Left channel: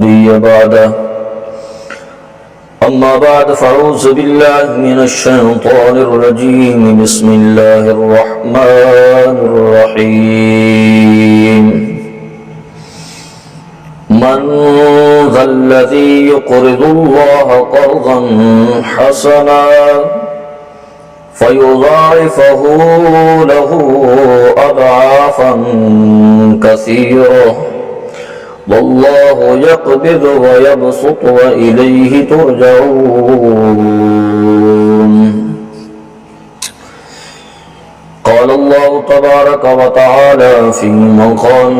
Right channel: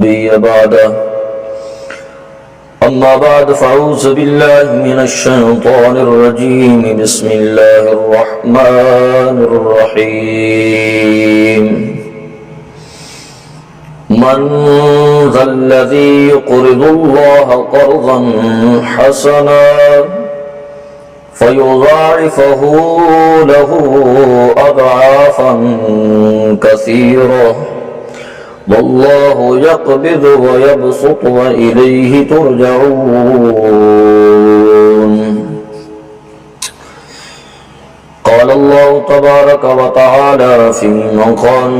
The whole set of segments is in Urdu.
نبي بعده. أما بعد فأعوذ بالله من الشيطان الرجيم. بسم الله الرحمن الرحيم. من ذا الذي يقرض الله قرضا حسنا فيضاعفه له أضعافا كثيرة والله يقبض ويبسط وإليه ترجعون. قال الله تبارك وتعالى في مقام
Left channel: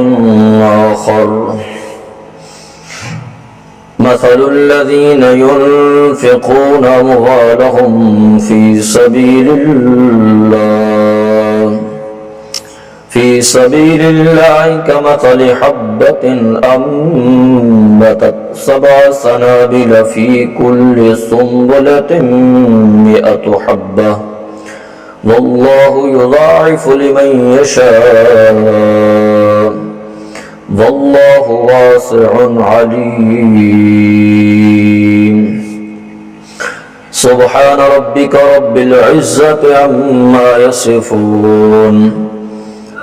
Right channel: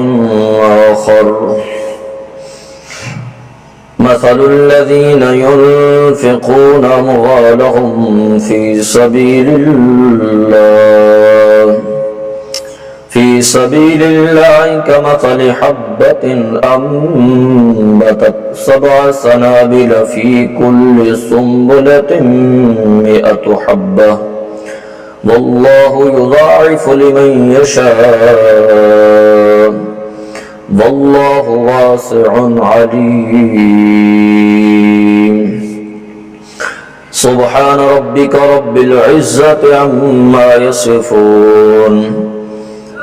آخر: مثل الذين ينفقون أموالهم في سبيل الله كمثل حبة أنبتت 7 سنابل في كل سنبلة 100 حبة والله يضاعف لمن يشاء والله واسع عليم. سبحان ربك رب العزة عما يصفون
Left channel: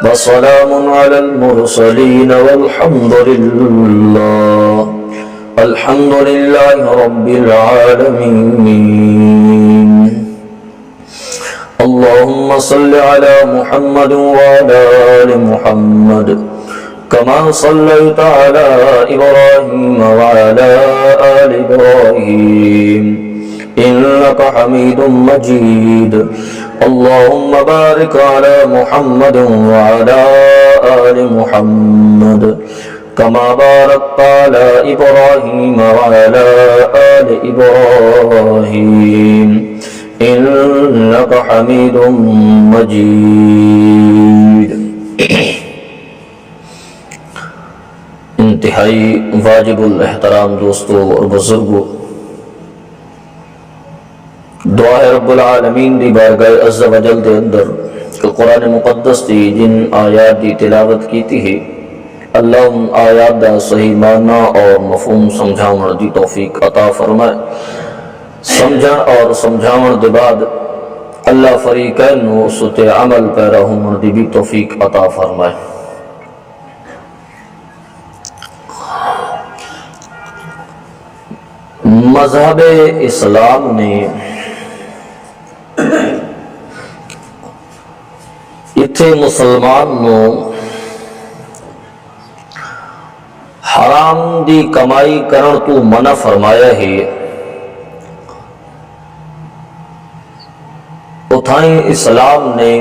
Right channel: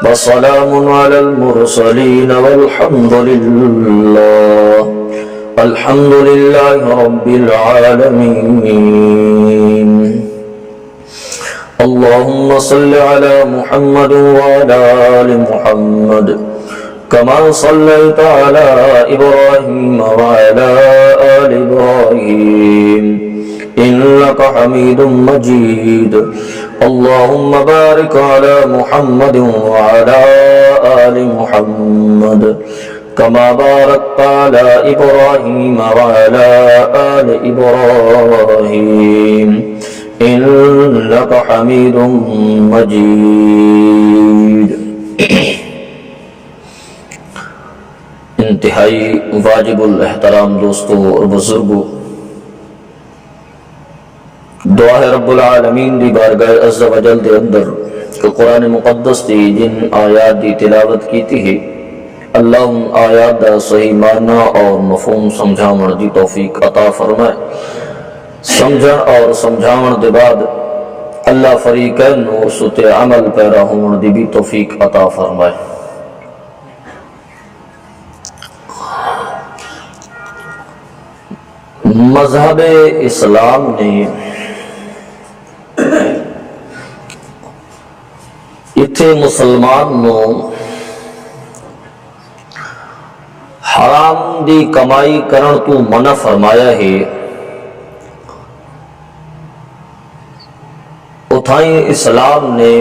وسلام على المرسلين والحمد لله رب العالمين. اللهم صل على محمد وعلى آل محمد كما صليت على إبراهيم وعلى آل إبراهيم إنك حميد مجيد. اللهم بارك على محمد وعلى آل محمد كما باركت على إبراهيم وعلى آل إبراهيم إنك حميد مجيد. انتہائی واجب الاحترام دوستو اور بزرگو، دعا ہے رب العالمین دی بارگاہ عز و جل دے اندر کہ قرآن مقدس دی جن آیات دی تلاوت کیتی ہے، اللہ ان آیات دا صحیح معنی اور مفہوم سمجھاون دی توفیق عطا فرمائے. سمجھن اور سمجھاون دے بعد اللہ فریقین نو اس تے عمل پیرا ہون دی بھی توفیق عطا فرمائے. مذہب اسلام نے اتھے مسلمان نو حرام دی کمائی کرن تو منع فرمایا ہے. اتھائیں اسلام نے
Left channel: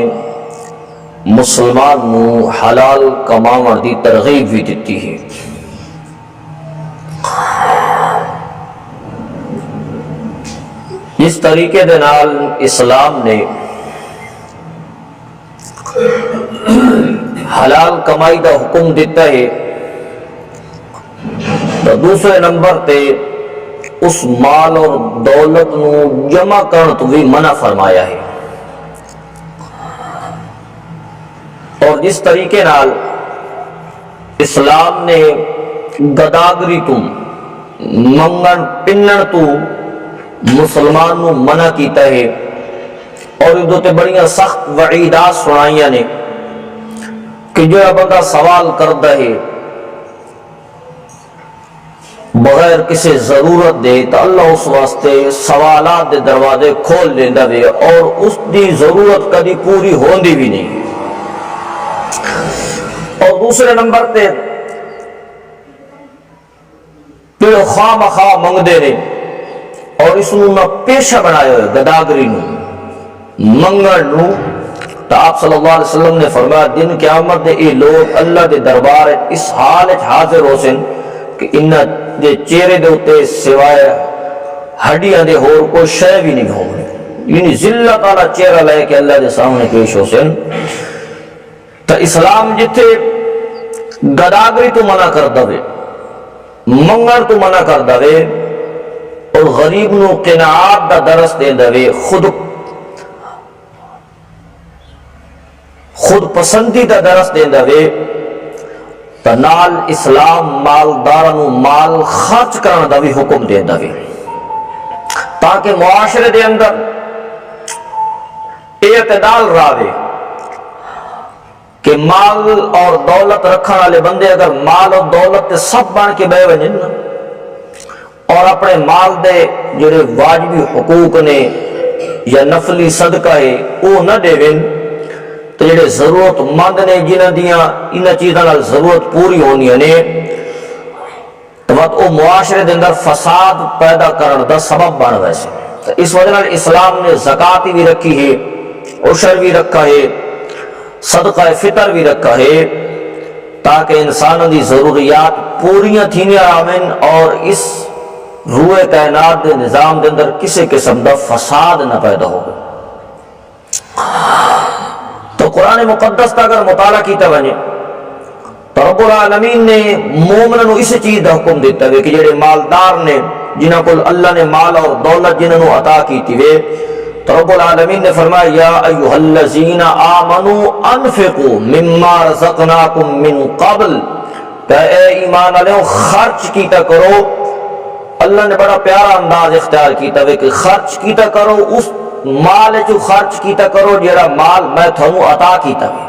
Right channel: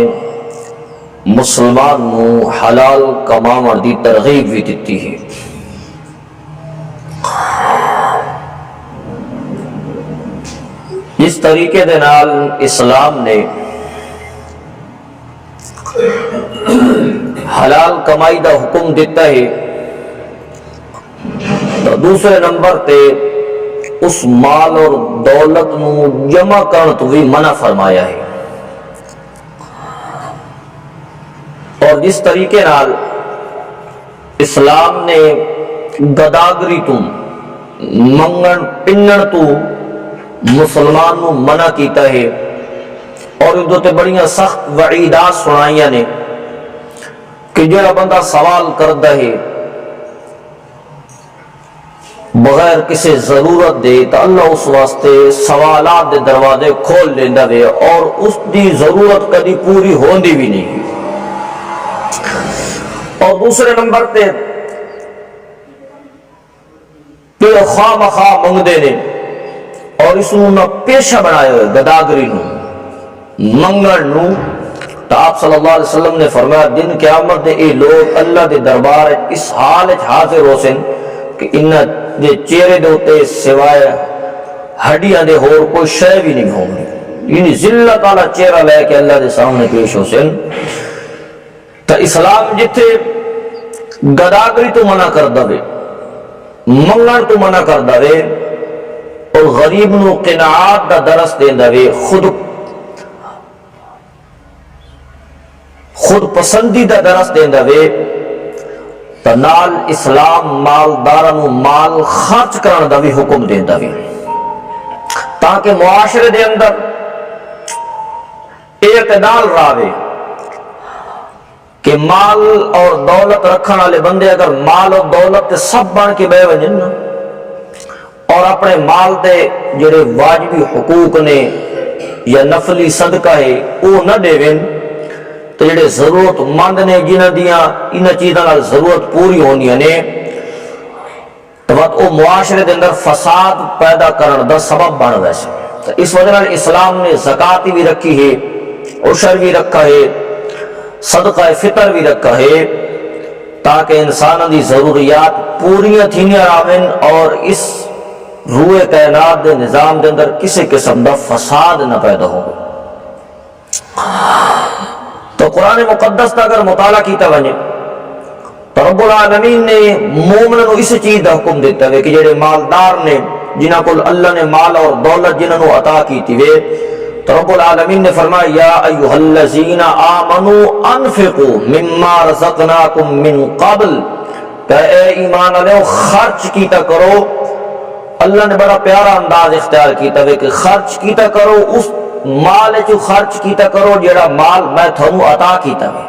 مسلمان نو حلال کماون دی ترغیب بھی دیتی ہے. اس طریقے دے نال اسلام نے حلال کمائی دا حکم دیتا ہے تو دوسرے نمبر تے اس مال اور دولت نو جمع کرن تو بھی منع فرمایا ہے. اور جس طریقے نال اسلام نے گداگری تو منگن پنن تو مسلمان نو منع کیتا ہے اور ادھو تے بڑیاں سخت وعیدات سنائیاں نے کہ جڑا بندہ سوال کردا ہے بغیر کسی ضرورت دے تو اللہ اس واسطے سوالات دے دروازے کھول لیندا وے اور اس دی ضرورت کدی پوری ہوندی بھی نہیں. اور دوسرے نمبر تے پھر خواہ مخواہ منگدے نے اور اس نو نہ پیشہ بنایا ہوئے گداگری نو منگن نو. تو آپ صلی اللہ علیہ وسلم نے فرمایا دن قیامت دے اے لوگ اللہ دے دربار اس حال حاضر ہو سن کہ انہاں دے چہرے دے اتے سوائے ہڈیاں دے ہور کوئی شے بھی نہیں ہونی، یعنی ذلت والا چہرہ لے کے اللہ دے سامنے پیش ہو سن. تو اسلام جتھے گداگری تو منع کر دے، منگن تو منع کر دے اور غریب نو قناعت دا درس دیندا وے، خود پسندی دا درس دیندا وے، تا تو نال اسلام مالداراں نوں مال خرچ کرن دا بھی حکم دیندا وے تاکہ معاشرے دے اندر اعتدال راوے کہ مال اور دولت رکھن والے بندے اگر مال اور دولت تے سب بن کے بہ ونجن اور اپنے مال دے جڑے واجبی حقوق نے یا نفلی صدقہ ہے وہ نہ دیویں تو جڑے ضرورت مند نے جنہاں دیاں انہاں چیزاں نال ضرورت پوری ہونی نے تو وہ معاشرے دے اندر فساد پیدا کرن دا سبب بن ویسے تو اس وجہ نال اسلام نے زکات بھی رکھی ہے، عشر بھی رکھا ہے، صدقہ فطر بھی رکھا ہے تاکہ انسانوں دی ضروریات پوریاں تھینیاں راویں اور اس روئے کائنات دے نظام دے اندر کسی قسم دا فساد نہ پیدا ہو۔ تو قرآن مقدس کا اگر مطالعہ کیتا بنے تو رب العالمین نے مومنوں نو اس چیز دا حکم دیتا ہے کہ جڑے مالدار نے جنہاں کو اللہ نے مال اور دولت جنہاں نو عطا کیتی وے تو رب العالمین نے فرمایا یا ایھا الذین آمنوا انفقوا مما رزقناکم من قبل کہ اے ایمان والو خرچ کیتا کرو۔ اللہ نے بڑا پیارا انداز اختیار کیتا ہے کہ خرچ کیتا کرو، اس مال چ خرچ کیتا کرو جڑا مال میں تھانوں عطا کیتا ہے۔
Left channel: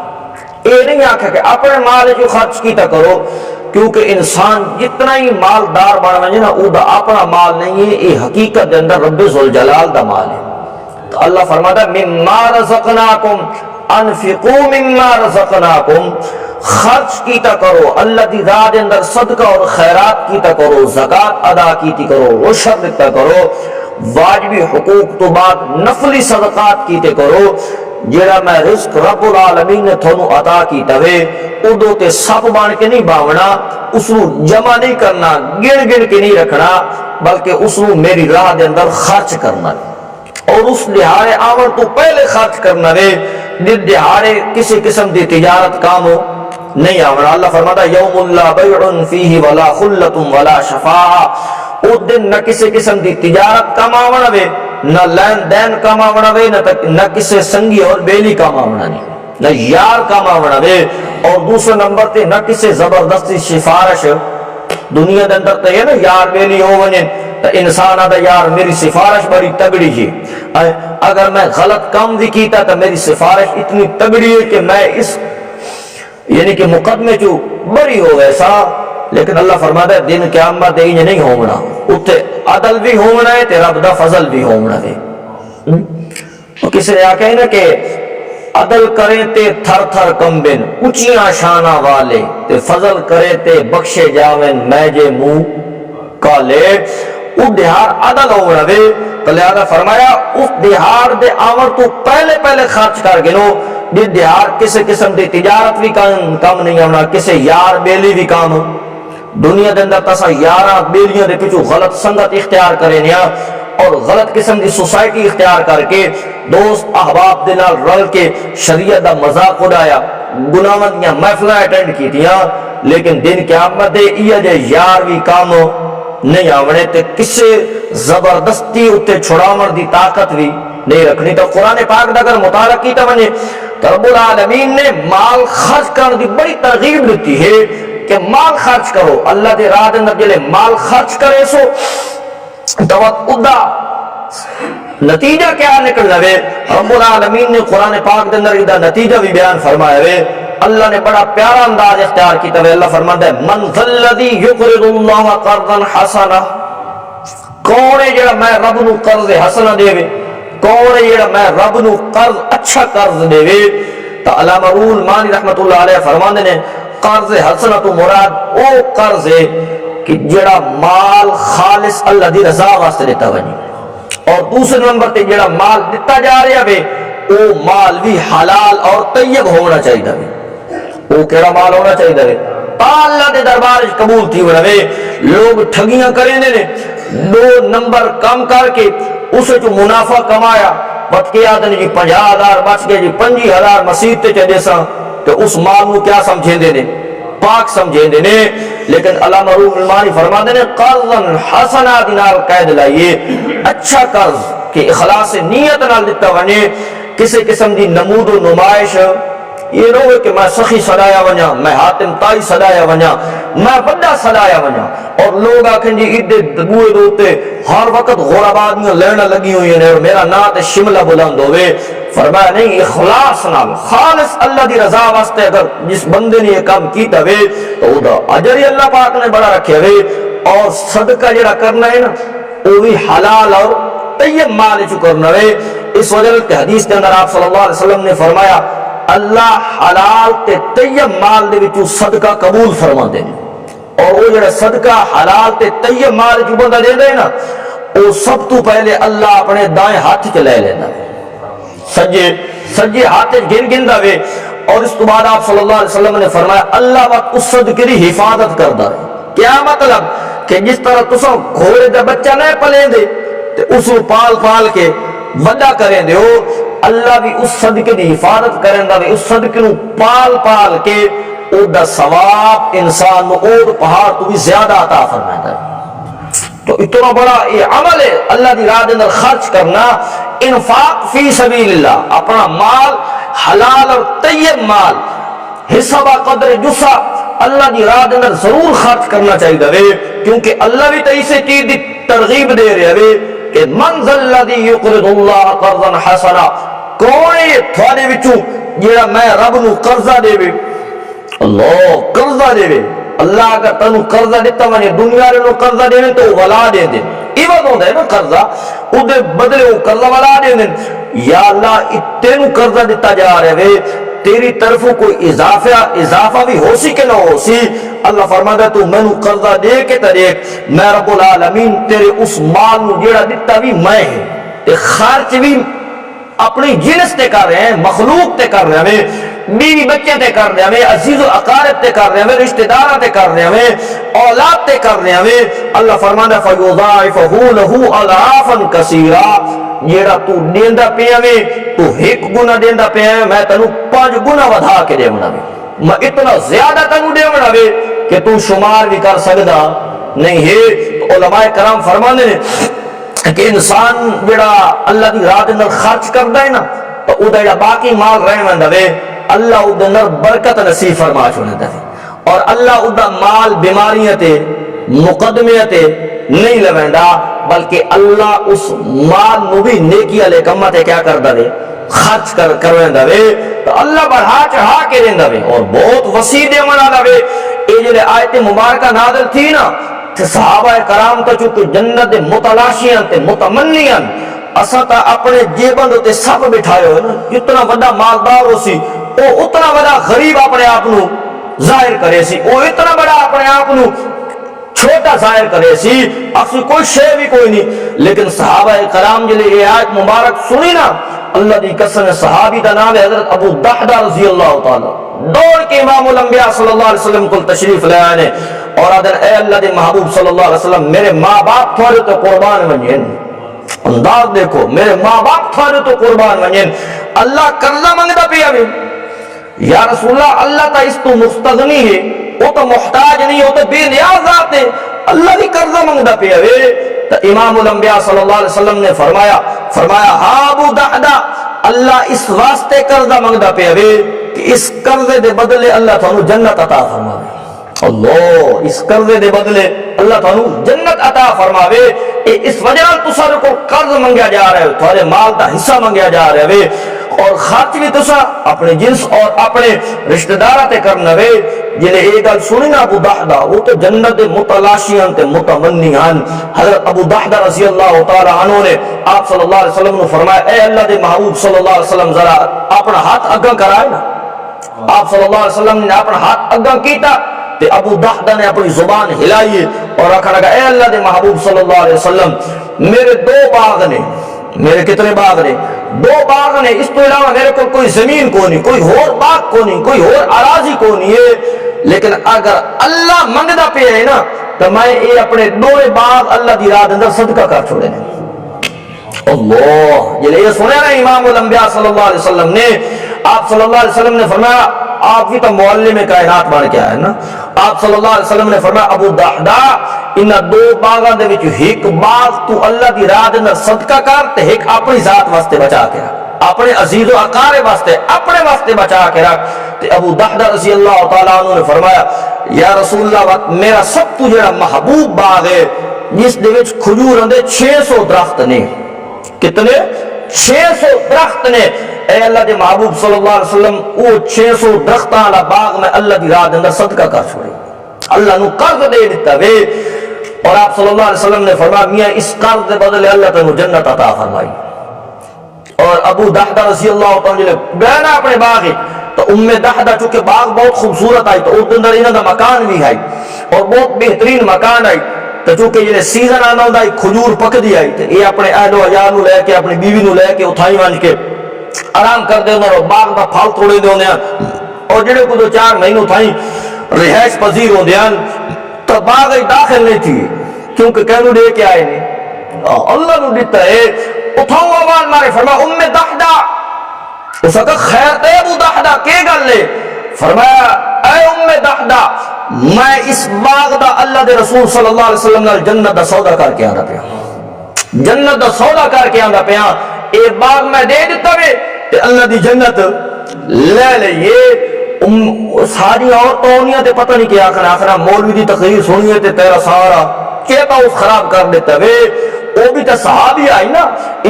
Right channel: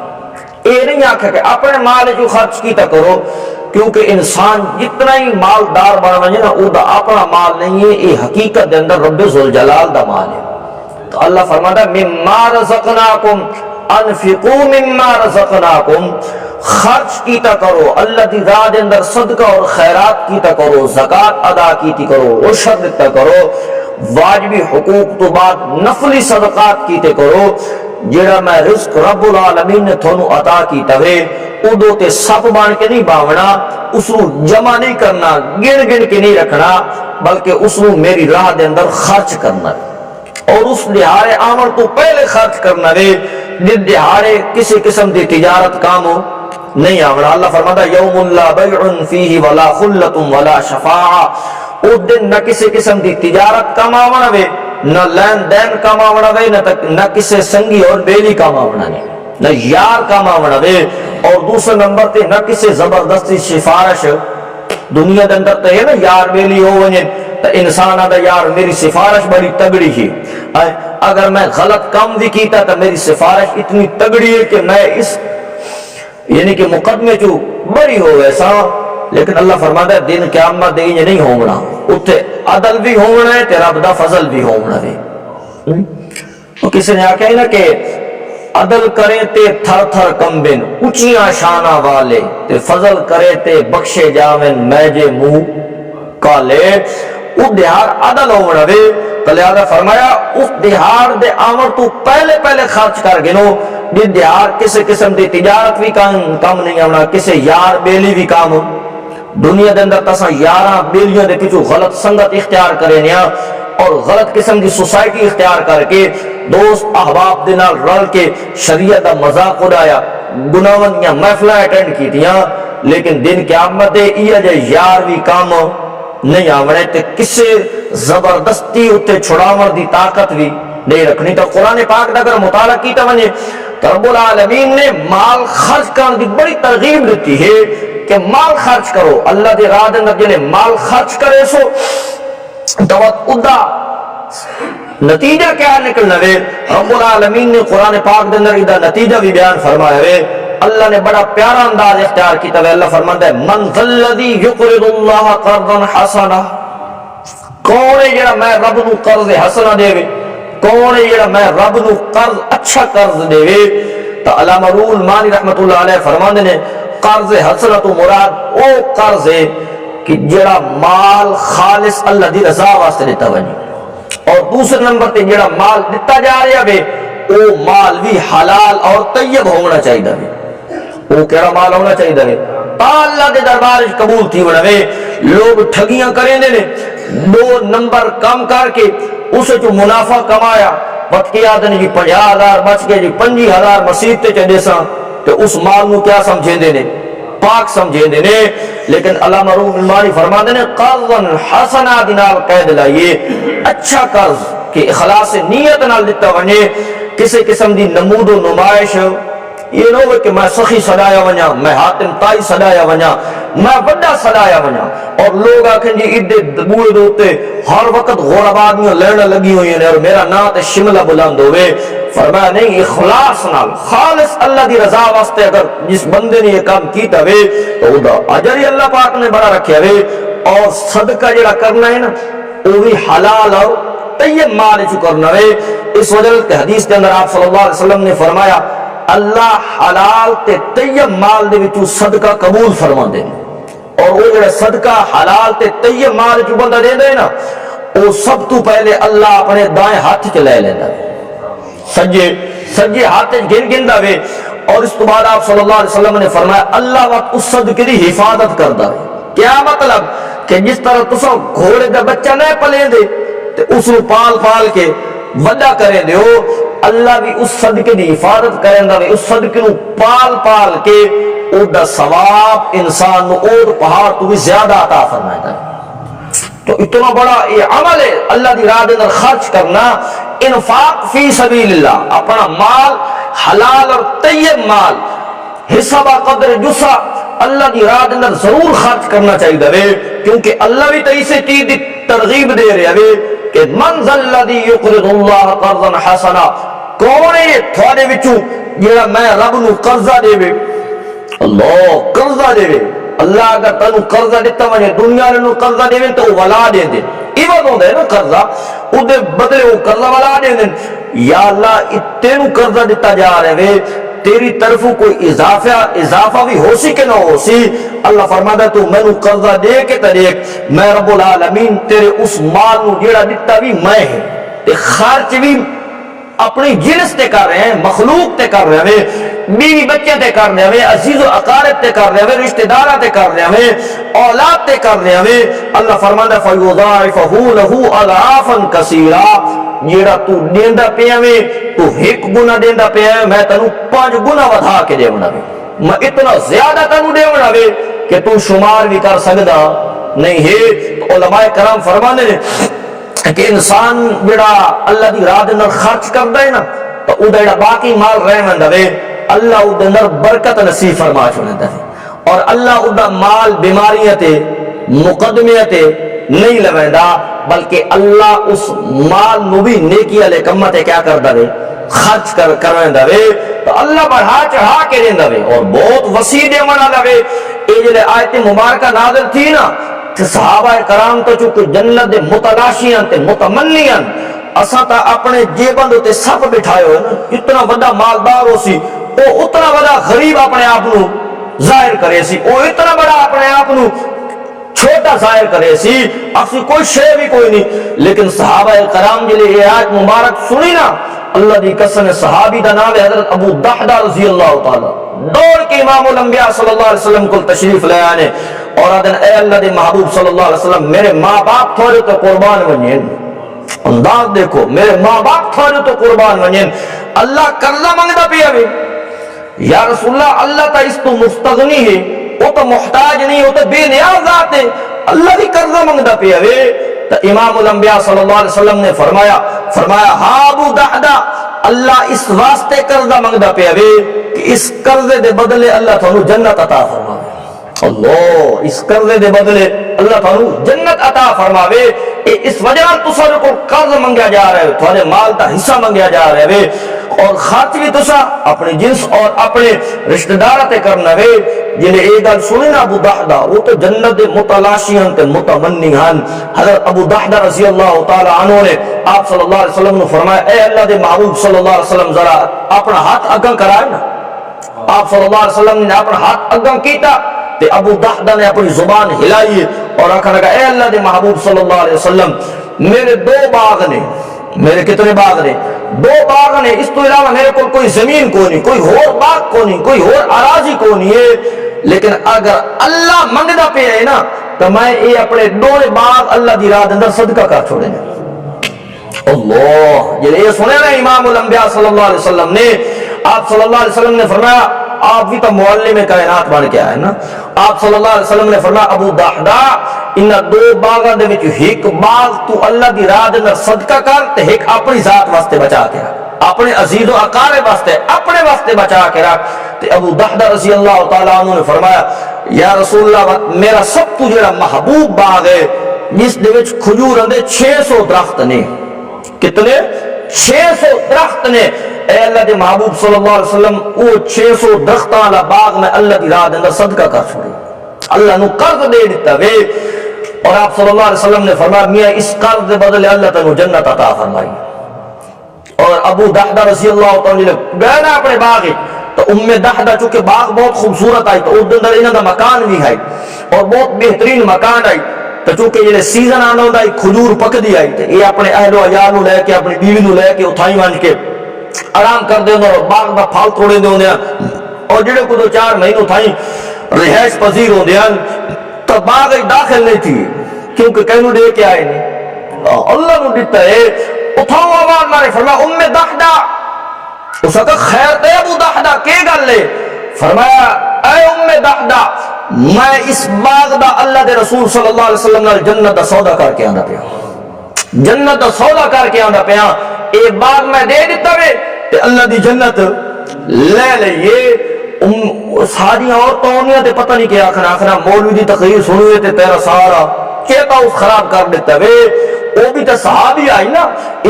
اے نہیں آکھا کہ اپنے مال چ خرچ کیتا کرو کیونکہ انسان جتنا ہی مالدار بن وجے نا او دا اپنا مال نہیں ہے، یہ حقیقت دے اندر رب ذوالجلال دا مال ہے۔ تو اللہ فرماتا ہے مما رزقناکم انفقوا مما رزقناکم، خرچ کیتا کرو اللہ دی راہ دے اندر، صدقہ اور خیرات کیتا کرو، زکات ادا کیتی کرو، عشر دیتا کرو، واجبی حقوق تو بعد نفلی صدقات کیتے کرو۔ جڑا میں رزق رب العالمین نے تھانوں عطا کیتا ہے ادو تے سب بن کے نہیں باونا، اس نو جمع نہیں کرنا، گن گن کے نہیں رکھنا، بلکہ اس نو میری راہ دے اندر خرچ کرنا اور اس دہاڑے آمر تو پہلے خرچ کرنا وے جس دہاڑے کسی قسم دی تجارت کام ہو نہیں آونا۔ اللہ فرماتا یوم لا بیع فیہ ولا خلۃ ولا شفاعہ، او دن نہ کسی قسم دی تجارت کام آونا وے، نہ لین دین کام آونا وے، نہ کسی سنگی اور بیلی کام آونا نہیں، نہ یار کام آونا وے، اور دوسرے نمبر تے نہ کسی زبردستی سفارش۔ دنیا دے اندر تے ہے نا یار بیلی ہو ونجے تو انسان آدھا یار میری سفارش بڑی تگڑی ہی، اگر میں غلط کام بھی کیتا تو میری سفارش اتنی تگڑی ہے کہ میں اس یعنی کہ مقدمے چو بری ہو ویسا۔ لیکن اللہ فرماتا ہے دن قیامت دے نہیں ہونا، اتھے عدل بھی ہونا ہے تے رب دا فضل بھی ہونا ہے۔ کسی نے آکھا ہے نا کہ عدل کریں تے تھر تھر کمبن اچیاں شانہ والے، تے فضل کریں تے بخشے جاویں میں جے منہ کالے۔ اس دہار عدل ہونا وے تو لہذا فرمایا اس دہار دے آمر تو پہلے پہلے خرچ کر گنو، جس دہار کسی قسم دی تجارت بھی کم نہیں ہونا، کسی یار بیلی بھی کام۔ دنیا دے اندر تسا یاراں بیلیاں دے پچھو غلط سنگت اختیار کرے نیا اور غلط قسم دی سوسائٹی اختیار کر کے دوست احباب دے نال رل کے شریعت دا مذاق اڑایا، گناہاں دیاں محفلاں اٹینڈ کیتیاں، لیکن دن قیامت دے یہ جے یار بھی کام نہیں آونے تے کسے زبردستی اتے چھڑاون دی طاقت بھی نہیں رکھنی۔ تو قرآن پاک دا اگر مطالعہ کیتا ونجے تو رب العالمین نے مال خرچ کرنے دی بڑی ترغیب دیتی ہے کہ مال خرچ کرو، اللہ دے راہ دے اندر جلے مال خرچ کرے سو تو ادا نتیجہ کیا نکلنا وے۔ رب العالمین نے قرآن پاک دے اندر ادا نتیجہ بھی بیان فرمایا وے۔ اللہ نے بڑا پیارا انداز اختیار کیتا ہے۔ اللہ فرماتا ہے من ذا الذی یقرض اللہ قرضا حسنا، کون ہے جڑا میں رب نو قرض حسنا دے وے، کون ہے جڑا میں رب نو قرض اچھا قرض دے وے۔ تو علامہ روح المانی رحمت اللہ علیہ فرماندے نے قرض حسنا تو مراد او قرض ہے کہ جڑا مال خالص اللہ دی رضا واسطے دیتا ونجے، اور دوسرے نمبر تے جڑا مال دیتا جا رہا وے او مال بھی حلال اور طیب ہونا چاہیے وے۔ وہ کیڑا مال ہونا چاہیے وے تا اللہ دے دربار وچ قبول تھی ونا وے۔ لوگ ٹھگیاں کریندے نے، دو نمبر کم کر کے اس جو منافع کمایا وقت کے آدھن جی 50,000 بچ گئے جی 25,000 مسیح تے چڑھے سا تو اس مال نو کیا سمجھیں دے نے؟ پاک سمجھیں دے نے۔ لیکن علامہ روح المانی فرما دے نے قرضا حسنا دینال قید لائیے، اچھا قرض کہ اخلاص نیت نال دیتا ونے، کسی قسم دی نمود و نمائش یہ نہ ہو کہ میں سخی سدایا ونجا، میں حاتم تائی سدایا ونجا، میں بڑا سدایا ونجا، اور لوگ آکھیں جی ایڈے بوئے دوتے ہر وقت غربادیاں لینا لگی ہوئی ہیں اور میرا نا تے شملہ بلند ہوئے۔ فرمایا نہیں، اخلاص نال خالص اللہ دی رضا واسطے اگر جس بندے نے یہ کام کیتا وے تو او دا اجر ہی اللہ پاک نے بڑا رکھیا وے۔ اور صدقہ جڑا کرنا ہے نا وہ بھی حلال اور طیب مال چ کرنا وے۔ اس وجہ کہ حدیث کے اندر آپ صلی اللہ علیہ وسلم نے فرمایا اللہ حلال تے طیب مال دے وچوں صدقہ قبول فرماندے نے، اور وہ جڑا صدقہ حلال تے طیب مال چ بندہ دیندا ہے نا وہ سب تو پہلے اللہ اپنے دائیں ہاتھ چ لے لیندا ہے، سجے ہاتھ گن گندا وے، اور اس تو بعد آپ صلی اللہ علیہ وسلم نے فرمایا اللہ وقت اس صدقے دی حفاظت کردا ہے۔ کیا مطلب کہ جس طرح تساں گھوڑے دا بچہ نہ پلیں دے تے اس نو پال پال کے وڈا کریں دے ہو، اللہ بھی اس صدقے دی حفاظت کریں دا وے، اس صدقے نو پال پال کے او دا ثواب انسان نو اور پہاڑ تو بھی زیادہ عطا فرمائے ہے۔ تو اتنا بڑا یہ عمل ہے اللہ دی راہ دے اندر خرچ کرنا، انفاق فی سبیل اللہ، اپنا مال حلال اور طیب مال حصہ با قدر جسا اللہ دی راہ دے اندر ضرور خرچ کرنا چاہیے وے، کیونکہ اللہ بھی تو اسے چیز دی ترغیب دے رہے وے کہ من ذا الذی یقرض اللہ قرضا حسنا، کون ہے تھوڑے وچوں جڑا میں رب نو قرضہ دے وے، اللہ قرضہ دے وے۔ اللہ اگر تنو قرضہ دیتا ونے دنیا نے قرضہ دے تو ولا دے دے، عوض ہوندا ہے نا قرضہ، او دے بدلے وہ قرضہ ولا دے دے۔ یا اللہ تینو قرضہ دیتا جا رہے وے، تیری طرف کوئی اضافہ بھی ہو سی کہ نہ ہو سی، اللہ فرماتا تو میں نو قرضہ دے کے طریق میں رب العالمین تیرے اس مال نو جیڑا دیتا بھی میں ہے، تے خرچ بھی اپنی جنس تے کر رہے ہیں، مخلوق تے کر رہے ہیں، بیوی بچے تے کر رہے ہیں، عزیز و اقارب تے کر رہے ہیں، رشتہ داراں تے کر رہے ہیں، اولاد تے کر رہے ہیں۔ اللہ فرماندا فیضاعفہ لہ اضعافا کثیرا، جیڑا تو دیندا پیا میں تو ایک گنا دیندا پیا میں تینوں 5 گنا ودھا کے دیونا وے، میں اتنا زیادہ تینوں دیونا وے کہ تو شمار بھی کر سکدا نہیں ہے۔ تو علماء کرام فرماندے نے کہ انسان جڑا اللہ دی راہ دے اندر خرچ کردا ہے نا تو او دا جڑا باقی مال رہندا وے اللہ او دے اندر برکت نصیب فرما چھوڑدا ہے، اور اللہ او دا مال بیماریاں تے مقدمے تے نہیں لویندا، بلکہ اللہ اس مال نو بھی نیکی والے کماں تے کیا کردا وے خرچ کرویندا وے، تو اللہ بڑھا چڑھا کے دیندا وے اور بہت وسیع دیون والا وے۔ اے جڑے آیت مبارکہ نازل تھی نا تے صحابہ کرام تو چونکہ جنت دے متلاشیاں تے متمنیاں، اساں تا اپنے جیباں تے سب بٹھائے ہوئے نا، جتنا بڑا مالدار ہو سی او اتنا بڑا غریب اپنے آپ نو ظاہر کرے سی، او اتنا بڑا اپنے آپ نو چھوٹا ظاہر کرے سی، اکسی کوئی شے بھی کوئی نہیں۔ لیکن صحابہ کرام جلے یہ آیت مبارک سنی نا، اللہ دی قسم صحابی دا نام ہے حضرت ابو دحدہ رضی اللہ تعالی، دوڑ کے امام الانبیاء صلی اللہ علیہ وسلم کو تشریف لے آنے اور آدن اے اللہ دے محبوب صلی اللہ علیہ وسلم میرے ماں باپ تھوڑے تو قربان ونجین، انداز دیکھو میرے ماں باپ تھوڑے تو قربان ونجین، اللہ قرضہ منگدا پیا بھی، یا رسول اللہ اللہ تا اس تو مستغنی ہے، وہ تو محتاج نہیں، وہ تو بے نیاز ذات ہے، اللہ دی قرضہ منگدا پیا وے۔ تو امام الانبیاء صلی اللہ علیہ وسلم نے فرمایا ہاں ابو دحدہ اللہ اس واسطے قرضہ منگدا پیا وے کہ اس قرضے دے بدلے اللہ تھانو جنت عطا فرماوے، اللہ اس قرضے دے بدلے اللہ تھانو جنت عطا فرماوے۔ اس وجہ تساں کو قرض منگیا جا رہا ہے، تھوڑے مال دا حصہ منگیا جا رہا ہے، اور خرچ بھی تساں اپنے جنس اور اپنے رشتہ داراں تے کرنا وے۔ جلے اے گل سنی نا ابو دحدہ وہ تو جنت دے متلاشیاں تے متمنی ہن۔ حضرت ابو دحدہ رضی اللہ تعالی عنہ نے آپ صلی اللہ علیہ وسلم نے فرمایا اے اللہ دے محبوب صلی اللہ علیہ وسلم ذرا اپنا ہاتھ اگاں کرائے نا۔ آپ صلی اللہ علیہ وسلم نے اپنا ہاتھ اگاں کیتا تے ابو دحدہ نے اپنی زبان ہلائی اور آخر لگا اے اللہ دے محبوب صلی اللہ علیہ وسلم میرے 2 باغ نے، میرے کتنے باغ نے؟ 2 باغ نے، اس تو علاوہ میرے کو کوئی زمین کو نہیں، کوئی اور باغ کو نہیں، کوئی اور اراضی کو نہیں ہے، لیکن اگر اللہ منگدا پہ ہے نا تو میں یہ اپنے 2 باغ اللہ دی راہ اندر صدقہ کر چھوڑے نے۔ اللہ یہ سنیا نا امام الانبیاء صلی اللہ علیہ وسلم نے، آپ صلی اللہ علیہ وسلم نے فرمایا، آپ بھی تو معلم کائنات بن کے آئے نا، آپ صلی اللہ علیہ وسلم نے فرمایا ابو دحدہ ان 2 باغاں دے وچ ایک باغ تو اللہ دی راہ دے اندر صدقہ کر تے ایک اپنی ذات واسطے بچا کے رکھ، اپنے عزیز و اقارب واسطے اپنے واسطے بچا کے رکھ۔ تے ابو دحدہ رضی اللہ تعالیٰ عنہ نے فرمایا یا رسول اللہ میرا سب تو جڑا محبوب باغ ہے جس دے وچ کھجوراں دے 600 درخت نے۔ کتنے؟ 600 درخت نے۔ اے اللہ دے محبوب صلی اللہ علیہ وسلم وہ 600 درختاں والا باغ میں اللہ دی راہ دے اندر صدقہ کر چھوڑے، اللہ نو قرض دے دیتا وے۔ اور آپ صلی اللہ علیہ وسلم نے فرمایا میاں اس قرض دے بدلے اللہ تینوں جنت عطا فرمائی۔ اور ابو دحدہ رضی اللہ تعالیٰ گئے نا اپنے باغ تو ام دحدہ چونکہ باغ بہت خوبصورت آئی تو اس اندر انہاں دا مکان بھی آئی اور بہت بہترین مکان آئی تو چونکہ جلے سیزن آنا ہوندا کھجور پک دی آئی تو یہ اپنے اہل و عیال نو لے کے اپنی بیوی نو لے کے اتھائی مان کے آرام کر دے اور باغ دا پھل توڑے دے ہوندے ہیں اور جڑے کو 2-4 مہینوں تھائیں رہائش پذیر ہوندے ہیں تو باغ داخل نہیں تھی کیونکہ کہنو دے کے آئے نہیں اللہ نو دیتا ہے۔ اٹھاؤ آواز مارے فرمایا ام دحدہ، اس وقت خیر تے ابو دحدہ کے گل لے؟ فرمایا اے ام دحدہ میں اس باغ دا اللہ دے رسول صلی اللہ علیہ وسلم نال جنت دا سودا کر کے آندا پیا، جنت دا سودا کر کے آندا پیا، اے باغ میں دے دیتا وے تے اللہ دی جنت لے لئیے۔ ساری عورتوں تے پتہ نہیں کیا آخنا مولوی دی تقریر سنیے تے تیرا سارا چیتا اس خراب کر دیتا وے۔ وہ بھی تو صحابی آئی نا،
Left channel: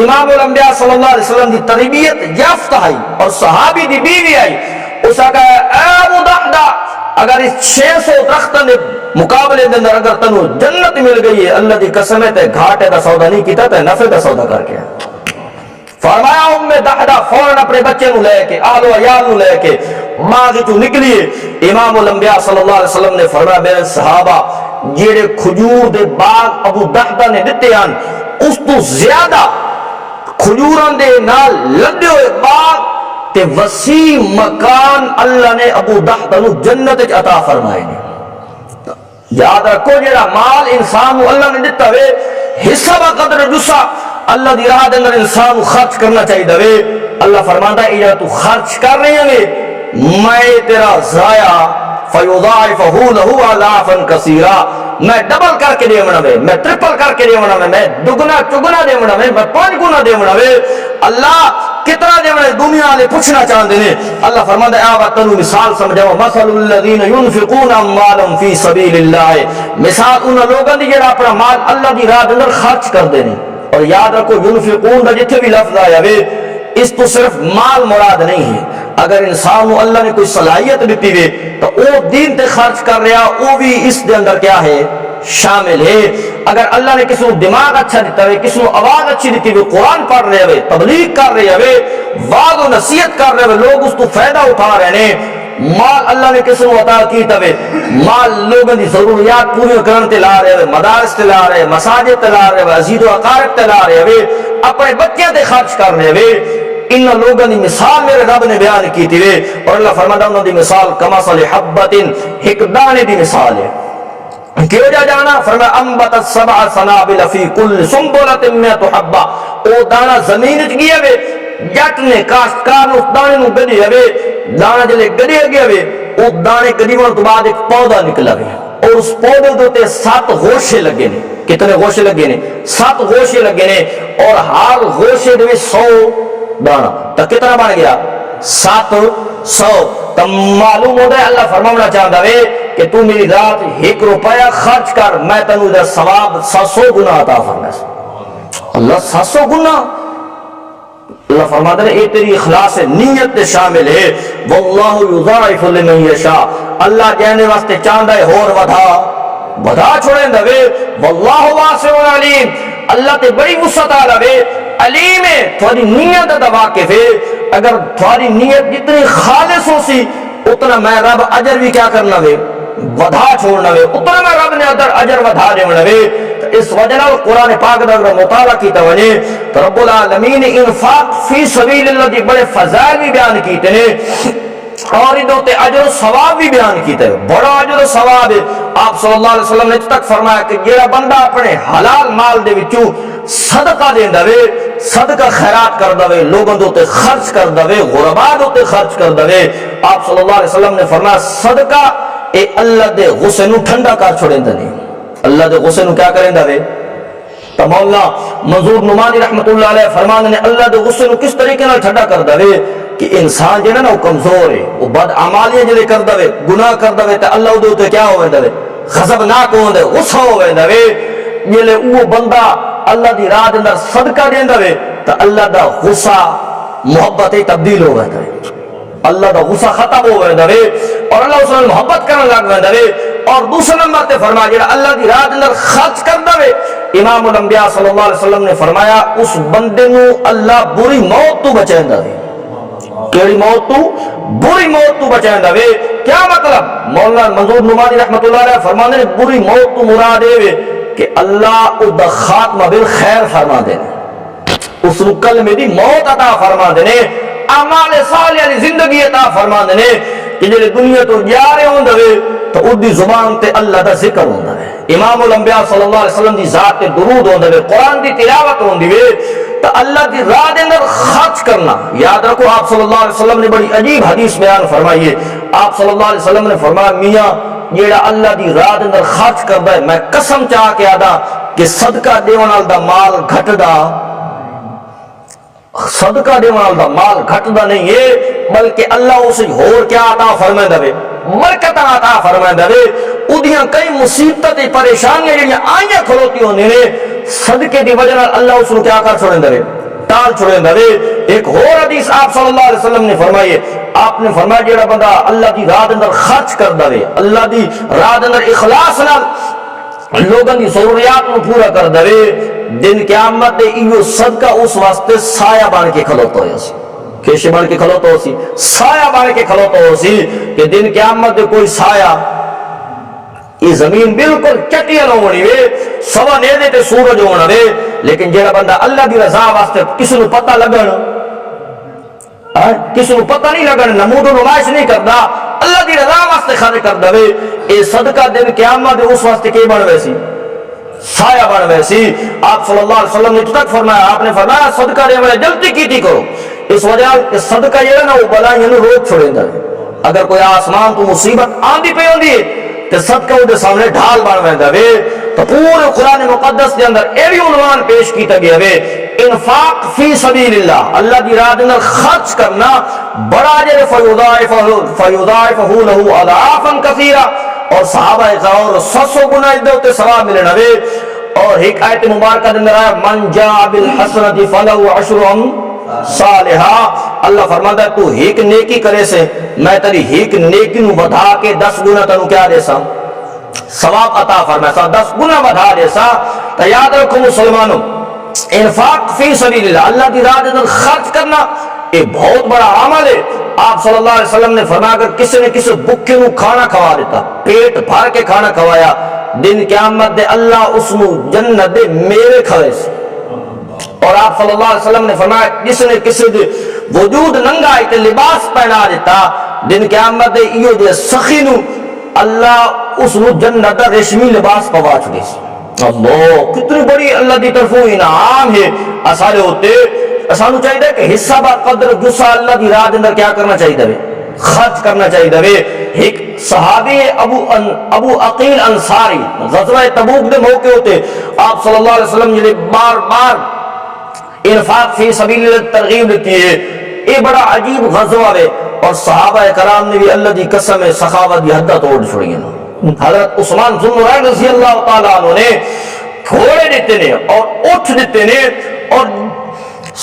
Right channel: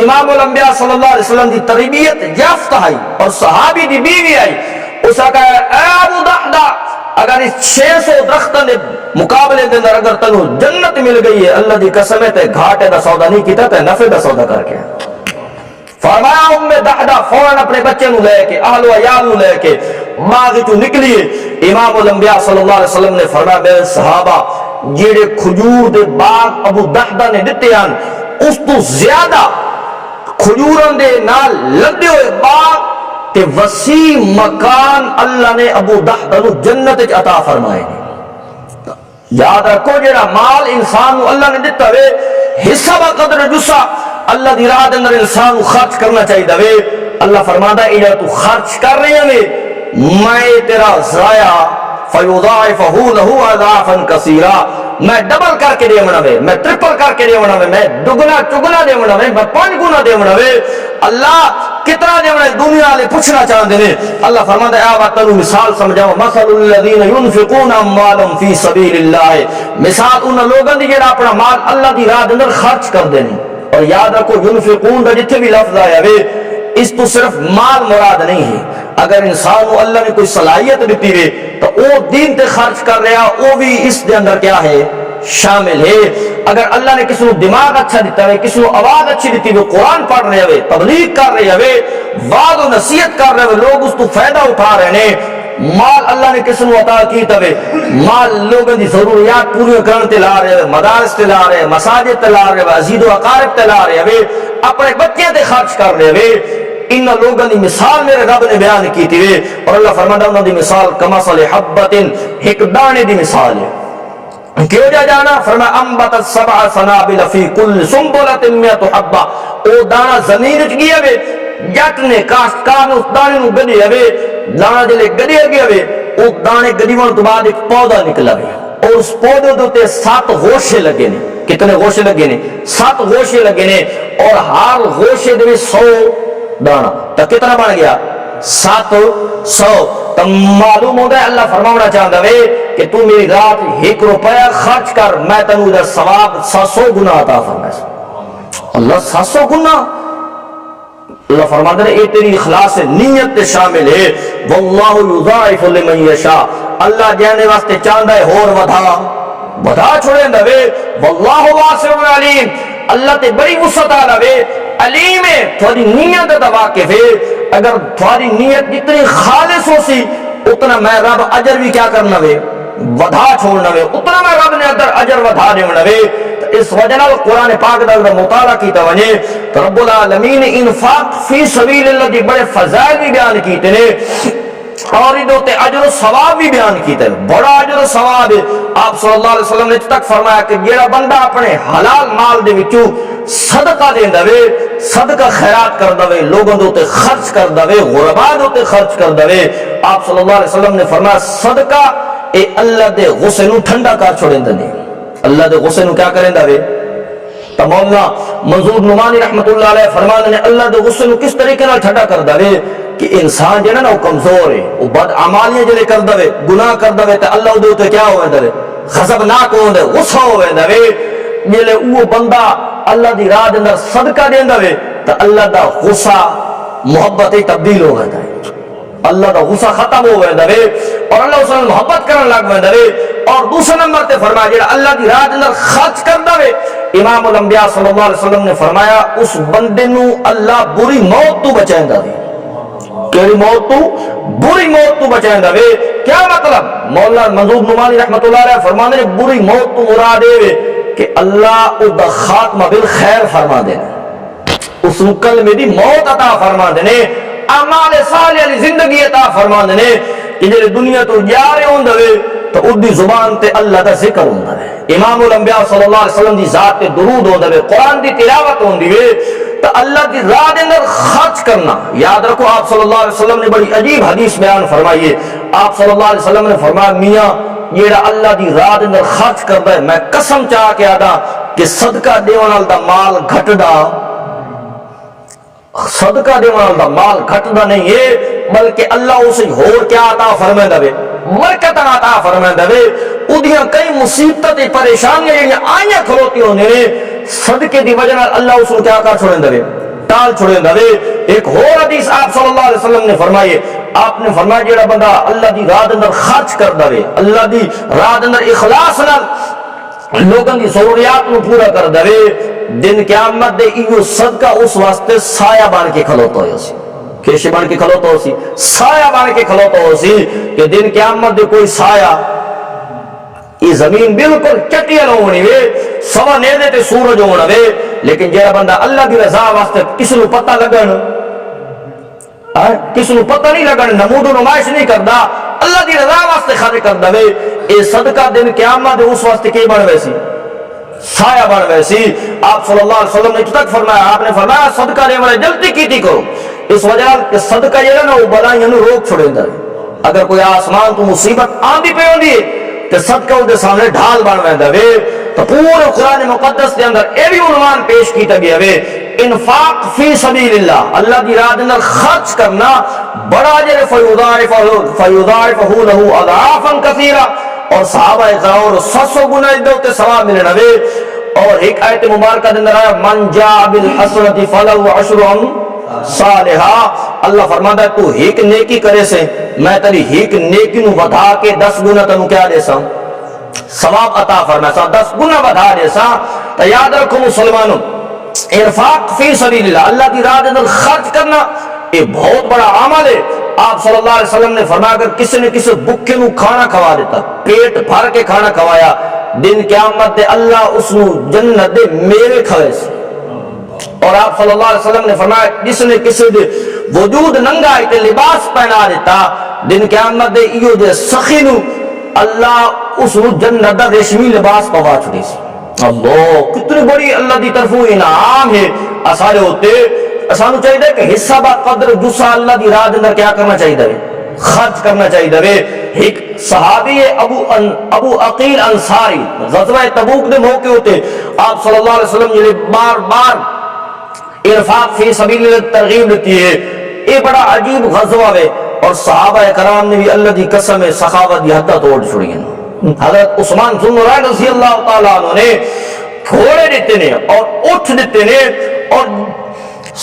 امام الانبیاء صلی اللہ علیہ وسلم دی تربیت یافتہ آئی اور صحابی دی بیوی آئی۔ اس نے کہا اے ابو دحدہ اگر اس 600 درختوں دے مقابلے دے اندر اگر تنو جنت مل گئی ہے اللہ دی قسم ہے تے گھاٹے دا سودا نہیں کیتا تے نفع دا سودا کر کے۔ فرمایا ام دحدہ فوراً اپنے بچے نو لے کے اہل و عیال نو لے کے باغ چوں نکلیے۔ امام الانبیاء صلی اللہ علیہ وسلم نے فرمایا میرے صحابہ جیڑے کھجور دے باغ ابو دحدہ نے دتے ہیں اس تو زیادہ کھجوراں دے نال لدے ہوئے باغ تے وسیع مکان اللہ نے ابو دحدہ نو جنت وچ عطا فرمائے نے۔ یاد رکھو جیڑا مال انسان نو اللہ نے دتا وے حصہ با قدر جسا اللہ دی راہ دے اندر انسان کو خرچ کرنا چاہیے دے۔ اللہ فرماتا ہے اجا تو خرچ کر رہی ہیں میں تیرا ضائع فیضاعفہ لہ اضعافا کثیرا میں ڈبل کر کے دیونا وے، میں ٹرپل کر کے دیونا وے، میں دگنا چگنا دیونا وے، میں 5 گنا دیونا وے۔ اللہ کتنا دیونا دنیا والے پوچھنا چاہتے ہیں۔ اللہ فرماتا ہے آوا تنو مثال سمجھاؤ مثل الذین ينفقون اموالهم فی سبیل اللہ، مثال ان لوگوں دی جڑا اپنا مال اللہ دی راہ دے اندر خرچ کر دینے۔ اور یاد رکھو ينفقون دا جتھے بھی لفظ آیا وے اس تو صرف مال مراد نہیں ہے، اگر انسان کو اللہ نے کوئی صلاحیت دیتی ہوئے تو وہ دین تے خرچ کر رہا وہ بھی اس دے اندر کیا ہے شامل ہے۔ اگر اللہ نے کسی کو دماغ اچھا دیتا ہے، کسی کو آواز اچھی دیتی ہوئے، قرآن پڑھ رہے ہوئے، تبلیغ کر رہے ہوئے، وعظ و نصیحت کر رہے ہوئے، لوگ اس تو فائدہ اٹھا رہے ہیں، مال اللہ نے کسی کو عطا کیتا ہوئے، مال لوگوں دی ضروریات پوری کرنے تے لا رہے ہوئے، مدارس تے لا رہے ہوئے، مساجد تے لا رہے ہوئے، عزیز و اقارب تے لا رہے ہوئے، اپنے بچے تے خرچ کر رہے ہوئے، ان لوگوں دی مثال میرے رب نے بیان کی تھی وے۔ اور اللہ فرماتا انہوں دی مثال کمثل حبۃ ایک دانے دی مثال ہے۔ کیوں جا جانا فرمایا انبتت 7 سنابل فی کل سنبلۃ 100 حبہ، او دانا زمین وچ گیا وے، جٹ نے کاشتکار نے اس دانے نو گڈیا وے، دانا جلے گڈیا گیا وے، او دانے گڈیون تو بعد ایک پودا نکلا وے اور اس پودے دے 7 گوشے لگے نے۔ کتنے گوشے لگے نے؟ 7 گوشے لگے نے اور ہر گوشے دے 100 دانا، تو کتنا بن گیا 700۔ تو معلوم ہوتا ہے اللہ فرمانا چاہتا ہے کہ تو میری ذات 1 روپیہ خرچ کر میں تنو دا ثواب 700 گنا عطا فرمائے۔ اللہ 700 گنا، اللہ فرماتا ہے یہ تیری اخلاص نیت دے شامل ہے۔ واللہ یضاعف لمن یشاء، اللہ جانے واسطے چاہتا ہے اور ودا چھوڑیں دا وے۔ واللہ واسع علیم، اللہ تے بڑی وسعت والا وے، علیم ہے، تھوڑی نیت دا واقف ہے۔ اگر تھوڑی نیت جتنی خالص ہو سی اتنا میں رب اجر بھی کیا کرنا وے ودا چھوڑنا وے، اتنا میں رب نے اجر ودا دیونا وے۔ تو اس وجہ نال قرآن پاک دا اگر مطالعہ کیتا ونے تو رب العالمین نے انفاق فی سبیل اللہ دی بڑے فضائل بھی بیان کیتے نے اور ادھر اجر و ثواب بھی بیان کیتا ہے، بڑا اجر و ثواب ہے۔ آپ صلی اللہ علیہ وسلم نے تک فرمایا کہ جیڑا بندہ اپنے حلال مال دے وچوں صدقہ دیندا وے، صدقہ خیرات کردا وے، لوگوں دے اوتے خرچ کردا وے، غرباء دے اوتے خرچ کردا وے، آپ صلی اللہ علیہ وسلم نے فرمایا صدقہ اے اللہ دے غصے نو ٹھنڈا کر چھوڑیندا نے۔ اللہ دے غصے نو کیا کریندا وے تو مولانا منظور نعمانی رحمت اللہ علیہ فرمانے نے اللہ دے غصے نو کس طریقے نال ٹھڈا کر دے کہ انسان جے نا وہ کمزور ہے، وہ بد اعمالیاں جڑے کر دے، گناہ کر دے تے اللہ دے تے کیا ہو ویندا وے، غضبناک ہوندا ہے، غصہ ہو ویندا وے۔ جلے وہ بندہ اللہ دی راہ دے اندر صدقہ دیندا وے تے اللہ دا غصہ محبت تبدیل ہو ویندا ہے، اللہ دا غصہ ختم ہو ویندا وے اور اللہ اس نال محبت کرن لگ ویندا وے۔ اور دوسرے نمبر تے فرمایا جڑا اللہ دی راہ دے اندر خرچ کردا وے، امام الانبیاء صلی اللہ علیہ وسلم نے فرمایا اس بندے نو اللہ بری موت تو بچائندا وے۔ کیڑی موت تو؟ بری موت تو بچائندا وے۔ کیا مطلب؟ مولانا منظور نعمانی رحمت اللہ علیہ فرماندے نے بری موت تو مراد اے کہ اللہ او دا خاتمہ بالخیر فرما دے، اس نو کلمے دی موت عطا فرما دے نے، اعمال صالحہ دی زندگی عطا فرما دے نے کہ جڑے دنیا تو جا رہے ہوندے وے تو اودی زبان تے اللہ دا ذکر ہوندا ہے، امام الانبیاء صلی اللہ علیہ وسلم دی ذات تے درود ہوندا ہے، قرآن دی تلاوت ہوندی وے، تو اللہ دی راہ دے اندر خرچ کرنا۔ یاد رکھو آپ صلی اللہ علیہ وسلم نے بڑی عجیب حدیث بیان فرمائی ہے، آپ صلی اللہ علیہ وسلم نے فرمایا میاں جیڑا اللہ دی راہ دے اندر خرچ کردا ہے میں قسم چاہ کے آدا کہ صدقہ دیون نال دا مال گھٹدا، صدقہ دیون نال دا مال گھٹدا نہیں ہے بلکہ اللہ اسے ہور کیا عطا فرماندا وے، برکت عطا فرماندا وے۔ اودیاں کئی مصیبتیں پریشانیاں جڑیاں آئیاں کھلوتی ہوندے نے صدقے دی وجہ نال اللہ اس نو کیا کر چھوڑیندا وے، ٹال چھوڑیندا وے۔ ایک اور حدیث آپ صلی اللہ علیہ وسلم نے فرمائی ہے، آپ نے فرمایا جیڑا بندہ اللہ دی راہ دے اندر خرچ کردا وے، اللہ دی راہ دے اندر اخلاص نال لوگاں دی ضروریات نو پورا کردا وے، دن قیامت دے ایو صدقہ اس واسطے سایہ بن کے کھلوتا ہویا سی، کیشے بن کے کھلوتا ہو سی، سایہ بن کے کھلوتا ہو سی کہ دن قیامت دے کوئی سایہ یہ زمین بالکل چٹیل ہونی وے، سوا نیزے تے سورج ہونا وے، لیکن جیڑا بندہ اللہ دی رضا واسطے کسی نو پتہ لگن، کسی نو پتہ نہیں لگن، نمود و نمائش نہیں کردا، اللہ دی رضا واسطے خرچ کردا وے، اے صدقہ دن قیامت دے اس واسطے کی بن ویسی، سایہ بن ویسی۔ آپ صلی اللہ علیہ وسلم نے تک فرمایا، آپ نے فرمایا صدقہ دے والے جلدی کیتی کرو، اس وجہ کہ صدقہ جیڑا نا وہ بلائیاں نو روک چھوڑیندا ہے۔ اگر کوئی آسمان تو مصیبت آندی پئی ہوندی ہے تے صدقہ دے سامنے ڈھال بن ویندا وے۔ تو پورے قرآن مقدس دے اندر اے بھی عنوان پیش کیتا گیا وے، انفاق فی سبیل اللہ، اللہ دی راہ دے اندر خرچ کرنا بڑا اجر فیضاعفہ لہ اضعافا کثیرہ، اور صحابہ کرام اور 700 گنا تے ثواب ملنا وے۔ اور ایک آیت مبارکہ دے اندر آیا من جاء بالحسنۃ فلہ عشر صالحہ، اللہ فرماتا ہے تو ایک نیکی کرے سے میں تیری ایک نیکی نو ودھا کے 10 گنا تنو کیا دے سا ثواب عطا فرمائے، 10 گنا ودھا دے سا۔ تو یاد رکھو مسلمانوں، انفاق فی سبیل اللہ، اللہ کی راہ اندر خرچ کرنا یہ بہت بڑا عمل ہے۔ آپ صلی اللہ علیہ وسلم نے فرمایا اگر کسی نے کسی بھوکے نو کھانا کھوا دیتا، پیٹ بھر کے کھانا کھوایا، دن قیامت دے اللہ اس نو جنت دے میوے کھوے سے۔ اور آپ صلی اللہ علیہ وسلم نے فرمایا جس نے کسی دے وجود ننگا تے لباس پہنا دیتا، دن قیامت دے ایو جے سخی نو اللہ اس نو جنت دا ریشمی لباس پوا چھڑی سی۔ اللہ کتنی بڑی اللہ دی طرفوں انعام ہے اسارے ہوتے۔ اسانو چاہیے کہ حصہ با قدر جسا اللہ دی راہ اندر کیا کرنا چاہیے وے، خرچ کرنا چاہیے وے۔ ایک صحابی ابو عقیل انصاری غزوہ تبوک دے موقع ہوتے آپ صلی اللہ علیہ وسلم نے بار بار انفاق فی سبیل اللہ ترغیب دیتی ہے، یہ بڑا عجیب غزوہ ہے۔ اور صحابہ کرام نے بھی اللہ دی قسم سخاوت دی حداں توڑ چھوڑی ہیں۔ حضرت عثمان ذو النورین رضی اللہ تعالیٰ عنہ نے گھوڑے دیتے نے اور اٹھ دیتے نے اور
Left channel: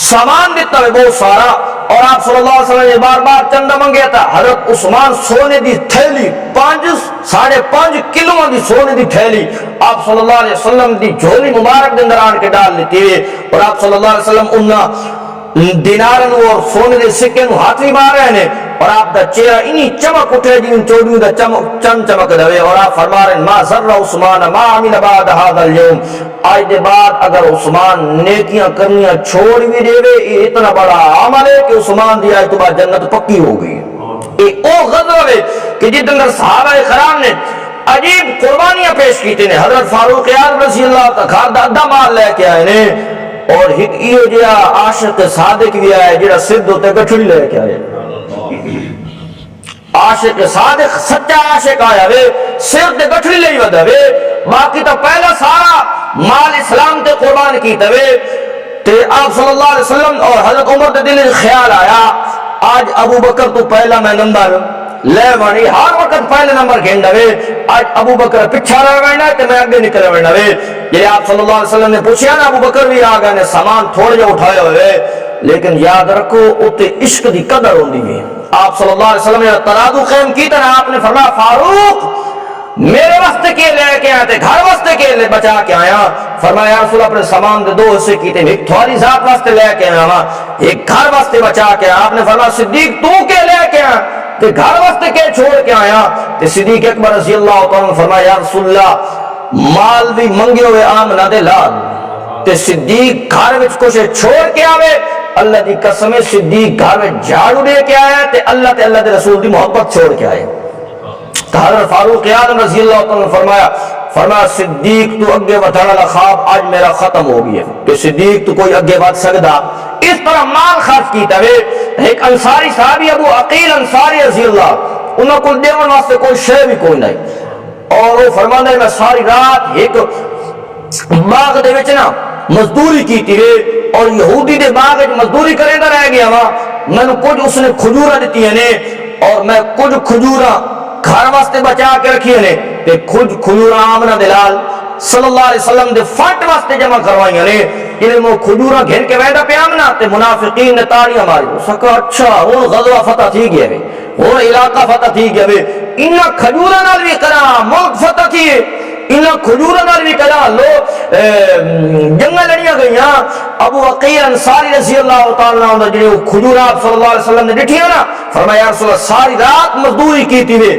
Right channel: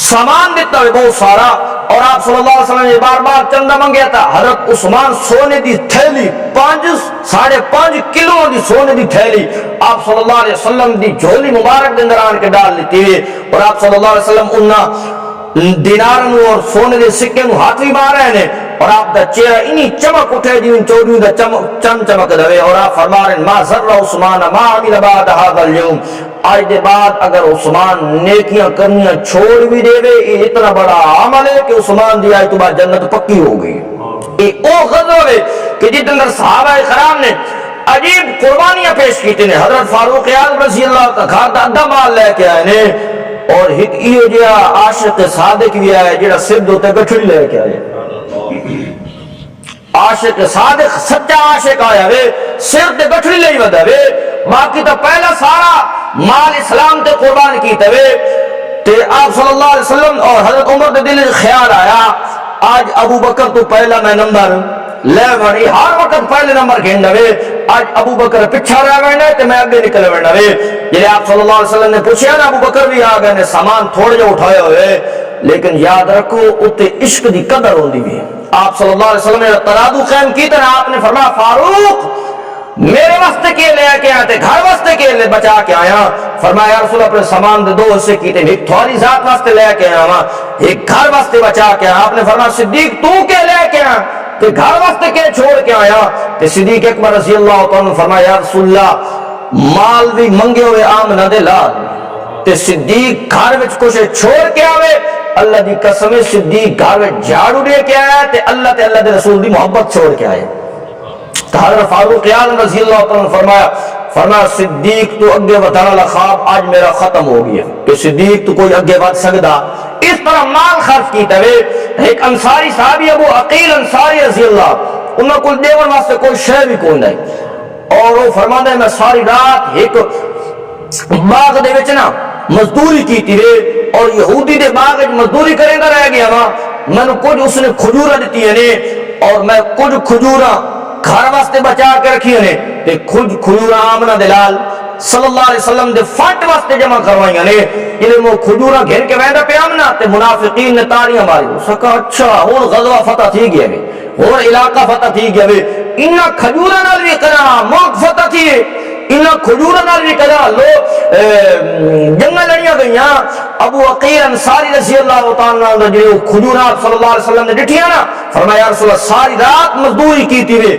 سامان دیتا ہے بہت سارا، اور آپ صلی اللہ علیہ وسلم نے بار بار چندہ منگیا تھا۔ حضرت عثمان سونے دی تھیلی 5.5 کلو دی سونے دی تھیلی آپ صلی اللہ علیہ وسلم دی جھولی مبارک دے اندر آن کے ڈال لیتی ہوئے، اور آپ صلی اللہ علیہ وسلم انہاں دینارن اور سونے دے سکے نو ہاتھ بھی مار رہے ہیں، اور آپ دا چہرہ انی چمک اٹھے جی ان چوڑیوں دا چند چمک دوے، اور آپ فرما رہے ہیں ما ذر عثمان ما عمل بعد هذا اليوم، آج دے بعد اگر عثمان نیکیاں کرنیاں چھوڑ بھی دے وے، یہ اتنا بڑا عمل ہے کہ عثمان دی آج تو بعد جنت پکی ہو گئی۔ یہ او غزوہ ہے کہ جس اندر صحابہ کرام نے عجیب قربانیاں پیش کیتے ہیں۔ حضرت فاروق اعظم رضی اللہ تعالی گھر دا ادھا مال لے کے آئے نے، اور ایک ایو جہا عاشق صادق بھی آیا جہاں سر دوتے گٹھڑی لے کے آئے، عاشق صادق سچا عاشق آیا وے، سر تے گٹھڑی لے ودا وے، باقی تو پہلا سارا مال اسلام تے قربان کی تے آپ صلی اللہ علیہ وسلم اور حضرت عمر دے دل خیال آیا آج ابو بکر تو پہلا میں نمبر لے وانی ہر وقت پہلے نمبر گھن دے آج ابو بکر پچھا رہ وینا تے میں اگے نکل وینا وے جلے آپ صلی اللہ علیہ وسلم نے پوچھا نا ابو بکر بھی آ گئے نے سامان تھوڑے جو اٹھائے ہوئے لیکن یاد رکھو اتے عشق دی قدر ہوندی ہے آپ صلی اللہ علیہ وسلم نے ترادو قائم کی تے آپ نے فرمایا فاروق میرے واسطے کے لے کے آتے گھر واسطے کے لے بچا کے آیا فرمایا یا رسول اپنے سامان دے 2 حصے کیتے ایک تھوڑی ذات واسطے لے کے آیا ایک گھر واسطے بچا کے آیا آپ نے فرمایا صدیق تو کے لے کے آیا تے گھر واسطے کے چھوڑ کے آیا تے صدیق اکبر رضی اللہ تعالیٰ نے فرمایا یا رسول اللہ مال بھی منگے ہوئے آمنہ دے لال تے صدیق گھر وچ کچھ چھوڑ کے آوے اللہ دی قسم صدیق گھر وچ جھاڑو دے کے آیا تے اللہ دے رسول دی محبت چھوڑ کے آئے حضرت فاروق اعظم رضی اللہ تعالیٰ نے فرمایا صدیق تو اگے ودھن والا خواب آج میرا ختم ہو گیا کہ صدیق تو کوئی اگے ود سکدا اس طرح مال خرچ کیتا وے ایک انصاری صحابی ابو عقیل انصاری رضی اللہ انہاں کول دیون واسطے کوئی شے بھی کوئی نہیں اور وہ فرماندا ہے میں ساری رات ایک باغ دے وچ نا مزدوری کیتی وے اور یہودی دے باغ وچ مزدوری کریندا رہ گیا وا مینوں کچھ اس نے کھجوراں دتیاں نے اور میں کچھ کھجوراں گھر واسطے بچا کے رکھی نے تے کچھ کھجوراں آمنہ دلال صلی اللہ علیہ وسلم دے فٹ واسطے جمع کروائیاں نے جلے وہ کھجوراں گھن کے ویندا پیا آمنہ تے منافقین نے تاڑیاں ماری سکا اچھا ہن غزوہ فتح تھی گیا وے ہن علاقہ فتح تھی گیا وے انہاں کھجوراں نال وی کرا ملک فتح تھی انہاں کھجوراں نال وی کرا لو جنگاں لڑیاں گئیاں ابو عقیل انصاری رضی اللہ تعالی عنہ جڑے کھجوراں صلی اللہ علیہ وسلم نے ڈٹھیاں نا فرمایا یا رسول اللہ ساری رات مزدوری کیتی وے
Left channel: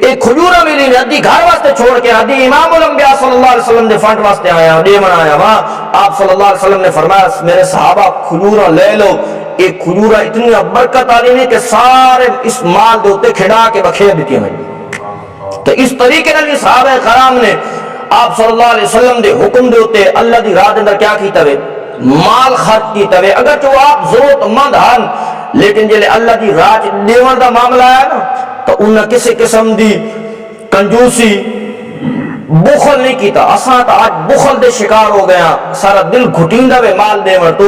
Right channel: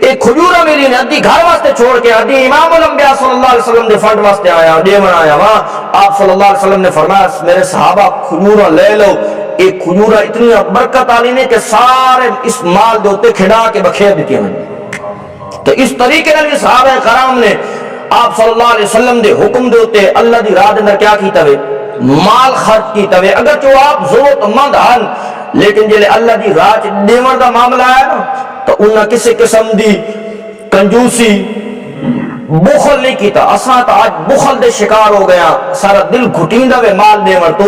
ایک کھجورا ملی نے ادھی گھر واسطے چھوڑ کے ادھی امام الانبیاء صلی اللہ علیہ وسلم دے فنڈ واسطے آیا دیون آیا وہاں آپ صلی اللہ علیہ وسلم نے فرمایا میرے صحابہ کھجورا لے لو ایک کھجورا اتنی برکت والی نے کہ سارے اس مال دے اوتے کھڑا کے بکھیر دیتی ہیں تو اس طریقے نال صحابہ کرام نے آپ صلی اللہ علیہ وسلم دے حکم دے اوتے اللہ دی راہ دے اندر کیا کیتا وے مال خرچ کیتا وے اگر جو آپ ضرورت مند ہن لیکن جلے اللہ دی راہ دیون دا معاملہ ہے نا تو انہاں کسی قسم دی کنجوسی بخل نہیں کیتا اساں تو آج بخل دے شکار ہو گیا سارا دل گھٹیندا وے مال دیون تو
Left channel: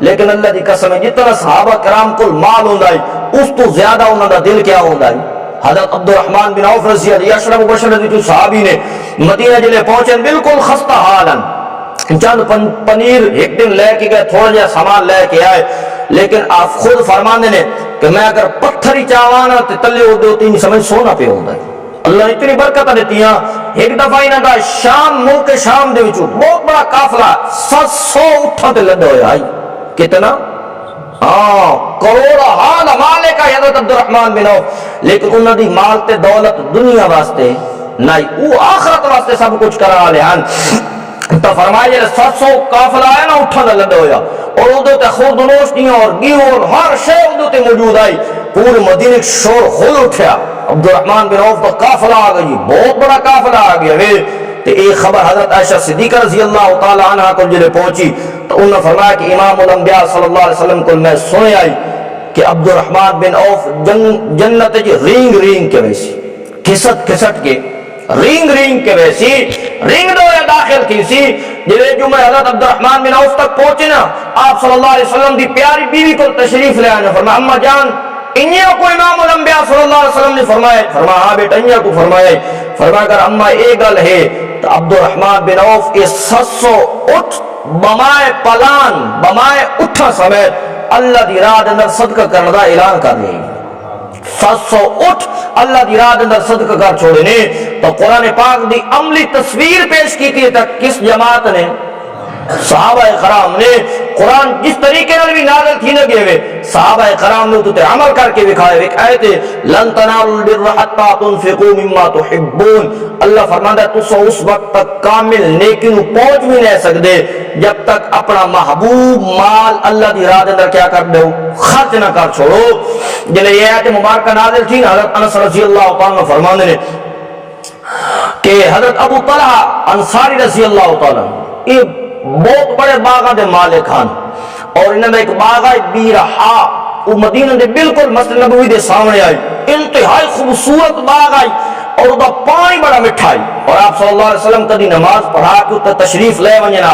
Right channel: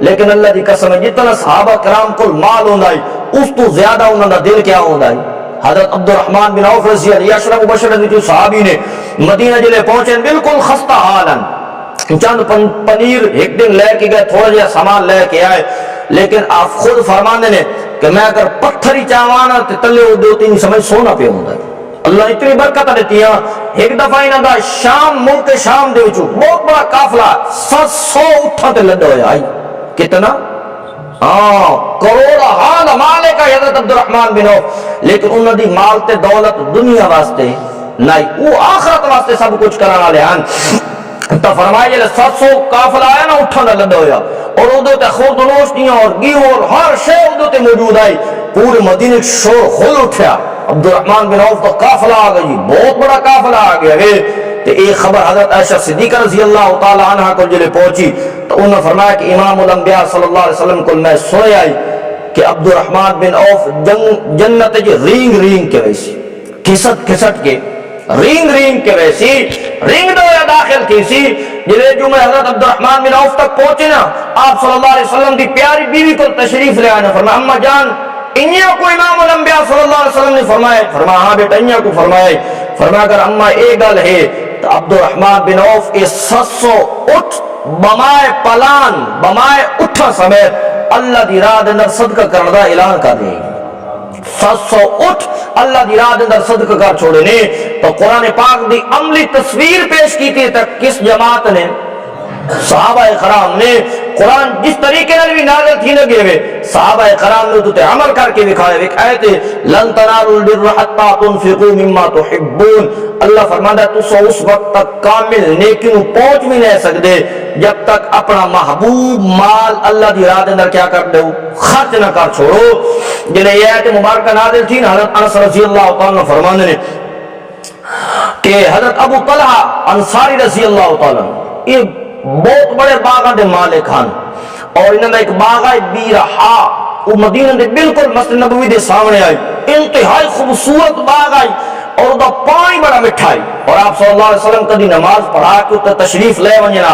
لیکن اللہ دی قسم ہے جتنا صحابہ کرام کول مال ہوندا ہے اس تو زیادہ انہاں دا دل کیا ہوندا ہے حضرت عبد الرحمن بن عوف رضی اللہ اشرف مبشر رضی صحابی نے مدینہ جلے پہنچے بالکل خستہ حالن چند پنیر ایک دن لے کے گئے تھوڑا جہا سامان لے کے آئے لیکن آپ خود فرماندے نے کہ میں اگر پتھری چاوانا تے تلے وہ دوتی نہیں سمجھ سونا پہ ہوندا ہے اللہ اتنی برکت دیتی ہیں ایک دفعہ انہاں دا شام ملک شام دے وچوں بہت بڑا قافلہ 700 اٹھاں تے لڈا ہویا آئی کتنا کروڑا حال مالے کا حضرت عبد الرحمن بن عوف لیکن انہاں دی مال تے دولت دنیا واسطے نہیں وہ آخرت واسطے سب کچھ کرا والے ہیں تو فرمایا جلے 700 قافلہ آیا نا اٹھاں دا لڈا ہویا اور ادو تے خورد نوشتیاں اور گیو اور ہر شے ادو تے موجود آئی پورے مدینے شور ہل اٹھیا عبد الرحمن بن عوف کا قافلہ آ گئی بہت بڑا قافلہ آ گیا وے تے ایک خبر حضرت عائشہ صدیقہ رضی اللہ تعالی عنہ کو جلے پہنچی تو انہوں نے فرمایا کہ امام الانبیاء صلی اللہ علیہ وسلم کو میں سنے آئی کہ عبد الرحمن بن عوف جنت جی رینگ رینگ کے ویسی کھسٹ کھسٹ کے رینگ کے ویسی رینگ دو یا داخل کی سی جلے جو میں حضرت عبد الرحمن بن عوف تک پہنچے نا آپ صلی اللہ علیہ وسلم دی پیاری بیوی کو تشریف لے آنے فرمایا اما جان انیا کو امام الانبیاء صلی اللہ علیہ وسلم نے فرمایا ہاں بیٹا انیا کو فرمایا اگر اما ایک گل ہے تو عبد الرحمن بن عوف اس 700 اٹھ بمائے پلان بمائے اٹھا سمیت اللہ دی راہ دے اندر صدقہ کرنے دا اعلان کر دے 700 اٹھ اللہ دی راہ دے اندر صدقہ کر چھوڑے نے تو قرآن پاک دی عملی تصویر پیش کی تھی تک کس جماعت نے صحابہ کرام نے قرآن جس طریقے نال بھی نازل تھی لگے ہوئے صحابہ کرام نے تو عمل کر کے دکھائے ایک آیت لن تنالوا البر حتى تنفقوا مما تحبون اللہ فرماتا ہے تو اس وقت تک کامل نیکی نو پہنچ بھی نہیں سکتے جب تک اپنا محبوب مال اللہ دی راہ دے اندر کیا کر دو خرچ نہ کر چھوڑو جلے یہ آیت مبارکہ نازل تھی نا حضرت انس رضی اللہ تعالیٰ عنہ فرماندے نے کہ حضرت ابو طلحہ انصاری رضی اللہ تعالیٰ یہ بہت بڑے باغاں دے مالک ہن اور انہاں دا ایک باغ ہے بیرحا وہ مدینہ دے بالکل مسجد نبوی دے سامنے آئی انتہائی خوبصورت باغ آئی اور دا پانی بڑا مٹھائی، اور آپ صلی اللہ علیہ وسلم کدی نماز پڑھا کے اتنے تشریف لے ونجنا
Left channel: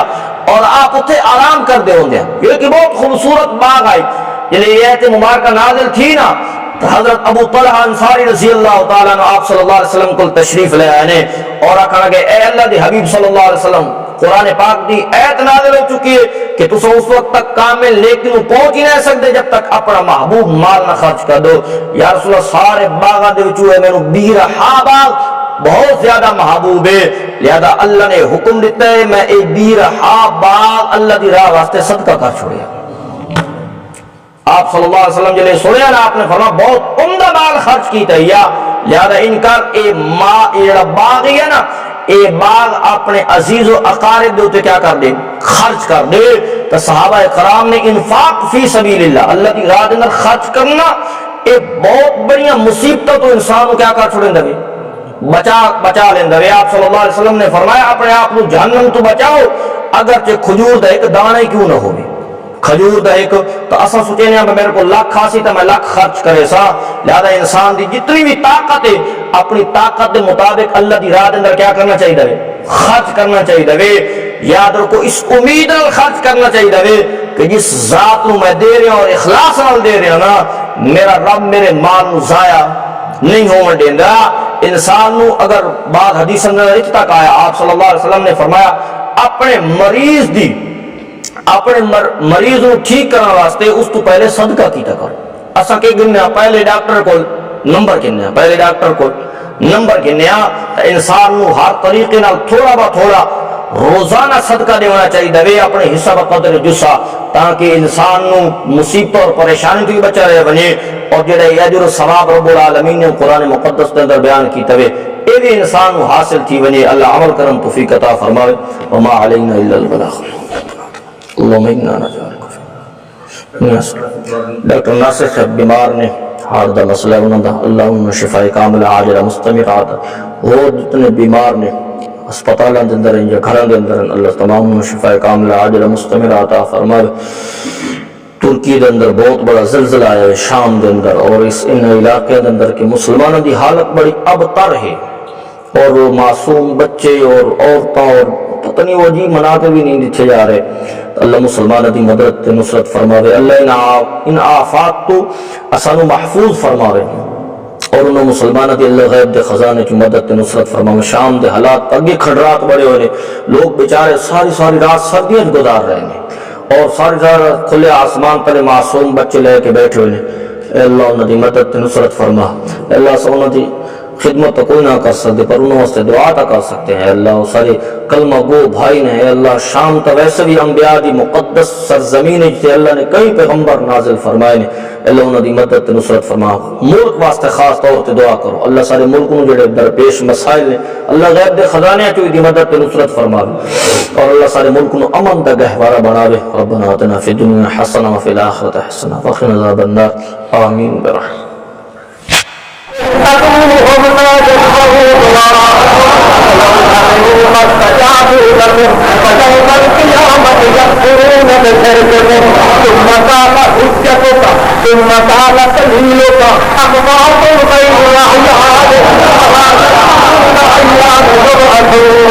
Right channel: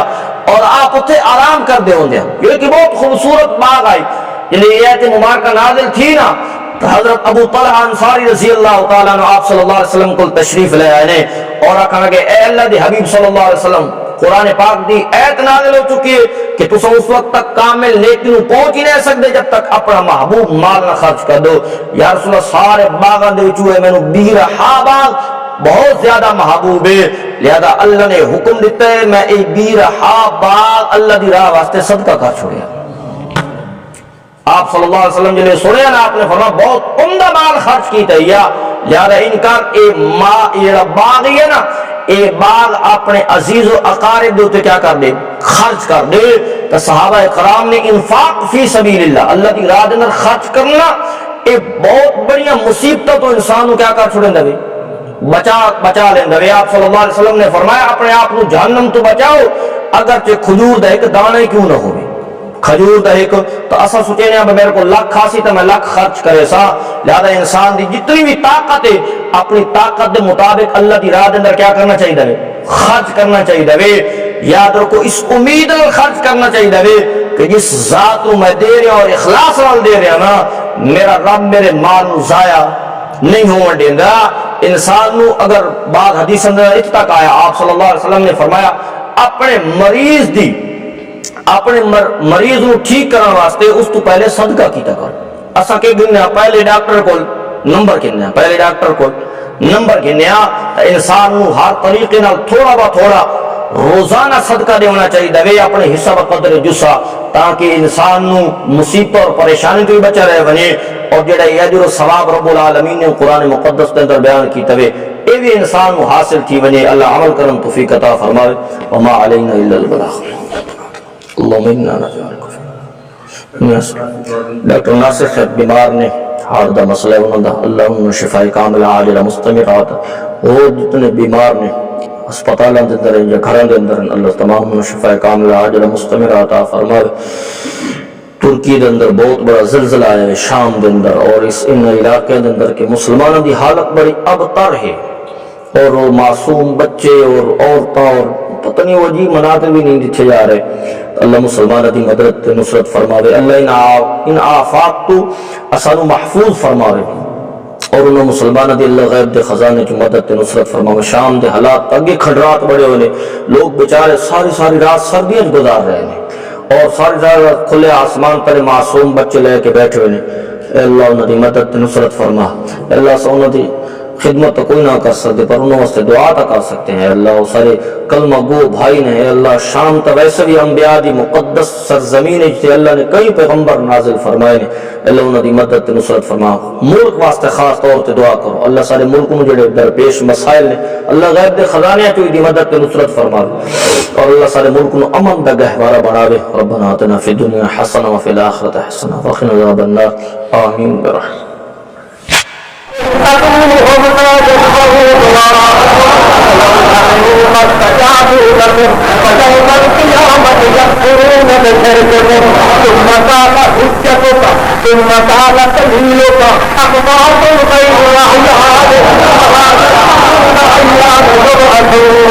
اور آپ اتنے آرام کر دے ہوندے ہیں۔ یہ کہ بہت خوبصورت باغ آئی جلے یہ آیت مبارکہ نازل تھی نا، تو حضرت ابو طلحہ انصاری رضی اللہ تعالیٰ عنہ آپ صلی اللہ علیہ وسلم کو تشریف لے آئے اور آکھا لگے اے اللہ دے حبیب صلی اللہ علیہ وسلم، قرآن پاک دی ایت نازل ہو چکی ہے کہ تسا اس وقت تک کامل نیکی نو پہنچ ہی نہیں سکتے جب تک اپنا محبوب مال نہ خرچ کر دو۔ یا رسول اللہ سارے باغاں دے وچوں مینوں بیرہا باغ بہت زیادہ محبوب ہے، لہذا اللہ نے حکم دیتا ہے میں اے بیرہا باغ اللہ دی راہ واسطے صدقہ کر چھوڑیا۔ آپ صلی اللہ علیہ وسلم جلے سنیا نا، آپ نے فرمایا بہت عمدہ مال خرچ کیتا ہے، یا لہذا انکار اے باغ ہی ہے نا، اے باغ اپنے عزیز و اقارب دے کیا کر دے، خرچ کر دے۔ تو صحابہ کرام نے انفاق فی سبیل اللہ، اللہ کی راہ دے اندر خرچ کرنا اے بہت بڑیاں مصیبتوں تو انسان کو کیا کر چھوڑیں دے، بچا لیں دے۔ آپ صلی اللہ علیہ وسلم نے فرمایا اپنے آپ کو جہنم تو بچاؤ اگرچہ کھجور دا ایک دانے کیوں نہ ہوگی، کھجور دا ایک، تو اسا سوچے نا میرے کو لاکھ کھاسی تو میں لاکھ خرچ کرے سا۔ لہذا انسان دی جتنی بھی طاقت ہے اپنی طاقت دے مطابق اللہ دی راہ دے اندر کیا کرنا چاہیے دے، خرچ کرنا چاہیے دے۔ یاد رکھو اس امید نال خرچ کرنا چاہیے دے کہ جس ذات نو میں دے رہا اور اخلاص نال دے رہا نا، میرا رب میرے مال نو ضائع نہیں ہون دیندا۔ انسان نو اگر بعض حدیث اندر اتنا آیا، آپ صلی اللہ علیہ وسلم نے فرمایا اپنے مریض نو ٹھیک کرنے واسطے اس تو پہلے صدقہ کیتا کر۔ اسا کہ گنیا پہلے ڈاکٹر کول نمبر گنیا، پہلے ڈاکٹر کول نمبر گنیا، انسان نو ہر طریقے نال تھوڑا با تھوڑا روزانہ صدقہ دینا چاہیے دے اپنے حصہ بقدر جسا، تاکہ انسان نو مصیبت اور پریشانی تو بچا رہے بنے، اور جڑا اجر و ثواب رب العالمین نے قرآن مقدس کے اندر بیان کیتا ہے اے بھی انسان نو حاصل تھی بنے۔ اللہ عمل کرن توفیق عطا فرماوے۔ وما علینا الا البلاغ۔ اللہم انا نجعلک فی ڈاکٹر ناصر صاحب بیمار نے، ہارٹ دا مسئلہ ہے انہوں دا، اللہ انہوں شفاء کاملہ عاجلہ مستمرات، اور جتنے بیمار نے اسپتالوں کے اندر یا گھروں کے اندر، اللہ تمام انہوں شفاء کاملہ عاجلہ مستمرات عطا فرمائے۔ ترکی دے اندر بہت بڑا زلزلہ آیا ہے شام دے اندر، اور اس ان علاقے دے اندر کہ مسلمانوں دی حالت بڑی ابتر ہے، اور معصوم بچے اور عورتاں اور پتہ نہیں وہ عجیب مناظر بھی نہیں دکھے جا رہے۔ اللہ مسلمانوں دی مدد نصرت فرماوے، اللہ ان آفات تو اسانو محفوظ فرماوے، اور انہوں مسلمانوں دی اللہ غیب دے خزانے کی مدد نصرت فرماوے۔ شام دے حالات اگے کھنڈرات بڑے ہوئے، لوگ بیچارے ساری رات سردیاں گزار رہے ہیں، اور ساری رات کھلے آسمان تلے معصوم بچے لے کے بیٹھے ہوئے۔ اے اللہ انہوں دی مدد نصرت فرما، اے اللہ سے انہوں دی خدمت تو کوئی نہ کر سکتے پر انہوں واسطے دعا تا کر سکتے ہیں۔ اللہ وہ سارے کلمہ گو بھائی نے، اے اللہ شام تا ویسے بھی انبیاء دی مقدس سرزمین ہے جسے اللہ نے کئی پیغمبر نازل فرمائے نے، اللہ انہوں دی مدد نصرت فرما۔ ملک واسطے خاص طور تے دعا کرو، اللہ سارے ملک نو جڑے درپیش مسائل نے اللہ غیب دے خزانے چوں دی مدد نصرت فرماوے، اور اللہ سارے ملک نو امن دا گہوارہ بناوے۔ ربنا آتنا فی الدنیا حسنہ وفی الآخرۃ حسنہ وقنا عذاب النار، آمین برحمتک۔ ثم قال سبيلك أقوات غير أحيان وما أيام يبعثون